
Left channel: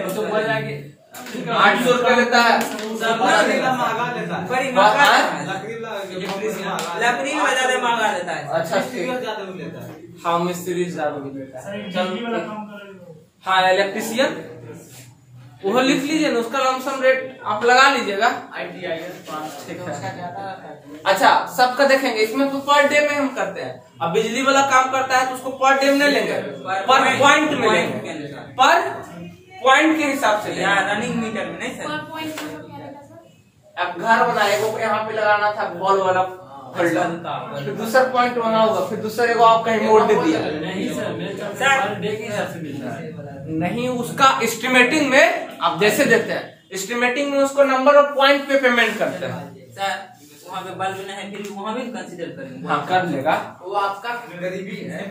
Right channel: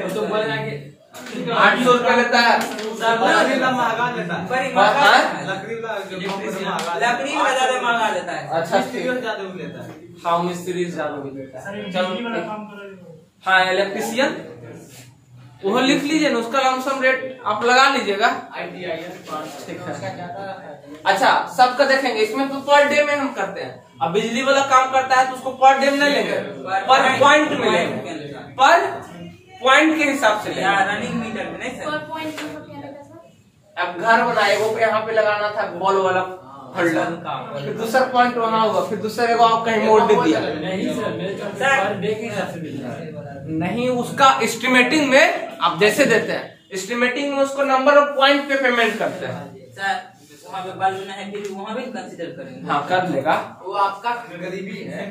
वो तो बोल जाएंगे 800 रुपये लेता है महंगा लेता है बड़ी महंगा हाँ? लकड़ी में ज्यादा महंगा देता है। अच्छा ठीक ज्यादा लेता है हाँ मिस्त्री ज्यादा भी लेता है हाँ इलेक्ट्रिशियन वो लिख लीजिए ना उसका लमसम रेट आप लगा लीजिएगा ठीक है अच्छा सबका देखेंगे इसमें तो पर डे में हम करते हैं अब बिजली वाला काम करता है तो उसको पर डे में नहीं लेंगे पर पॉइंट में लेंगे पर पॉइंट के हिसाब से या लेंगे रनिंग मीटर में नहीं पर सर। पॉइंट मतलब क्या लेगा सर? अब घर बनाए वो यहाँ पे लगाना था बॉल वाला होल्डर फिर दूसरा पॉइंट वहाँ होगा फिर दूसरे को आप कहीं मोड़ दे दिया नहीं सर मेरे ख्याल से पर डे के हिसाब से मिल रहा है। नहीं उसका एस्टिमेटिंग में आप जैसे देते हैं एस्टिमेटिंग में उसको नंबर ऑफ पॉइंट पे पेमेंट करते हैं सर वहाँ पे बाल लेना है फिर वहाँ भी कंसीडर करेंगे। हाँ कर लेगा वो आपका गरीबी है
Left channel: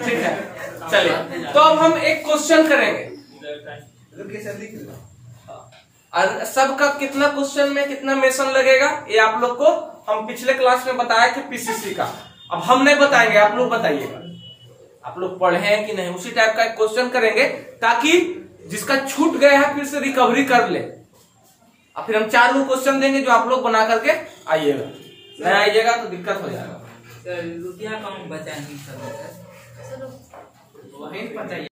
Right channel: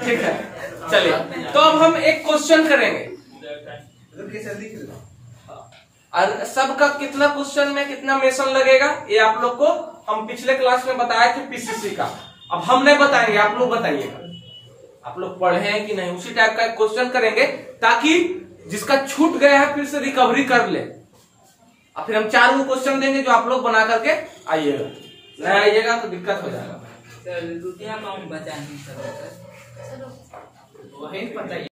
ठीक है चलिए तो अब हम एक क्वेश्चन करेंगे और सबका कितना क्वेश्चन में कितना मेंशन लगेगा ये आप लोग को हम पिछले क्लास में बताया थे पीसीसी का अब हम नहीं बताएंगे आप लोग बताइएगा आप लोग पढ़े हैं कि नहीं उसी टाइप का एक क्वेश्चन करेंगे ताकि जिसका छूट गया है फिर से रिकवरी कर ले और फिर हम 4 क्वेश्चन देंगे जो आप लोग बना करके आइएगा नहीं आइएगा तो दिक्कत हो जाएगा सर रुपया कम बचा नहीं सकता चलो वही पता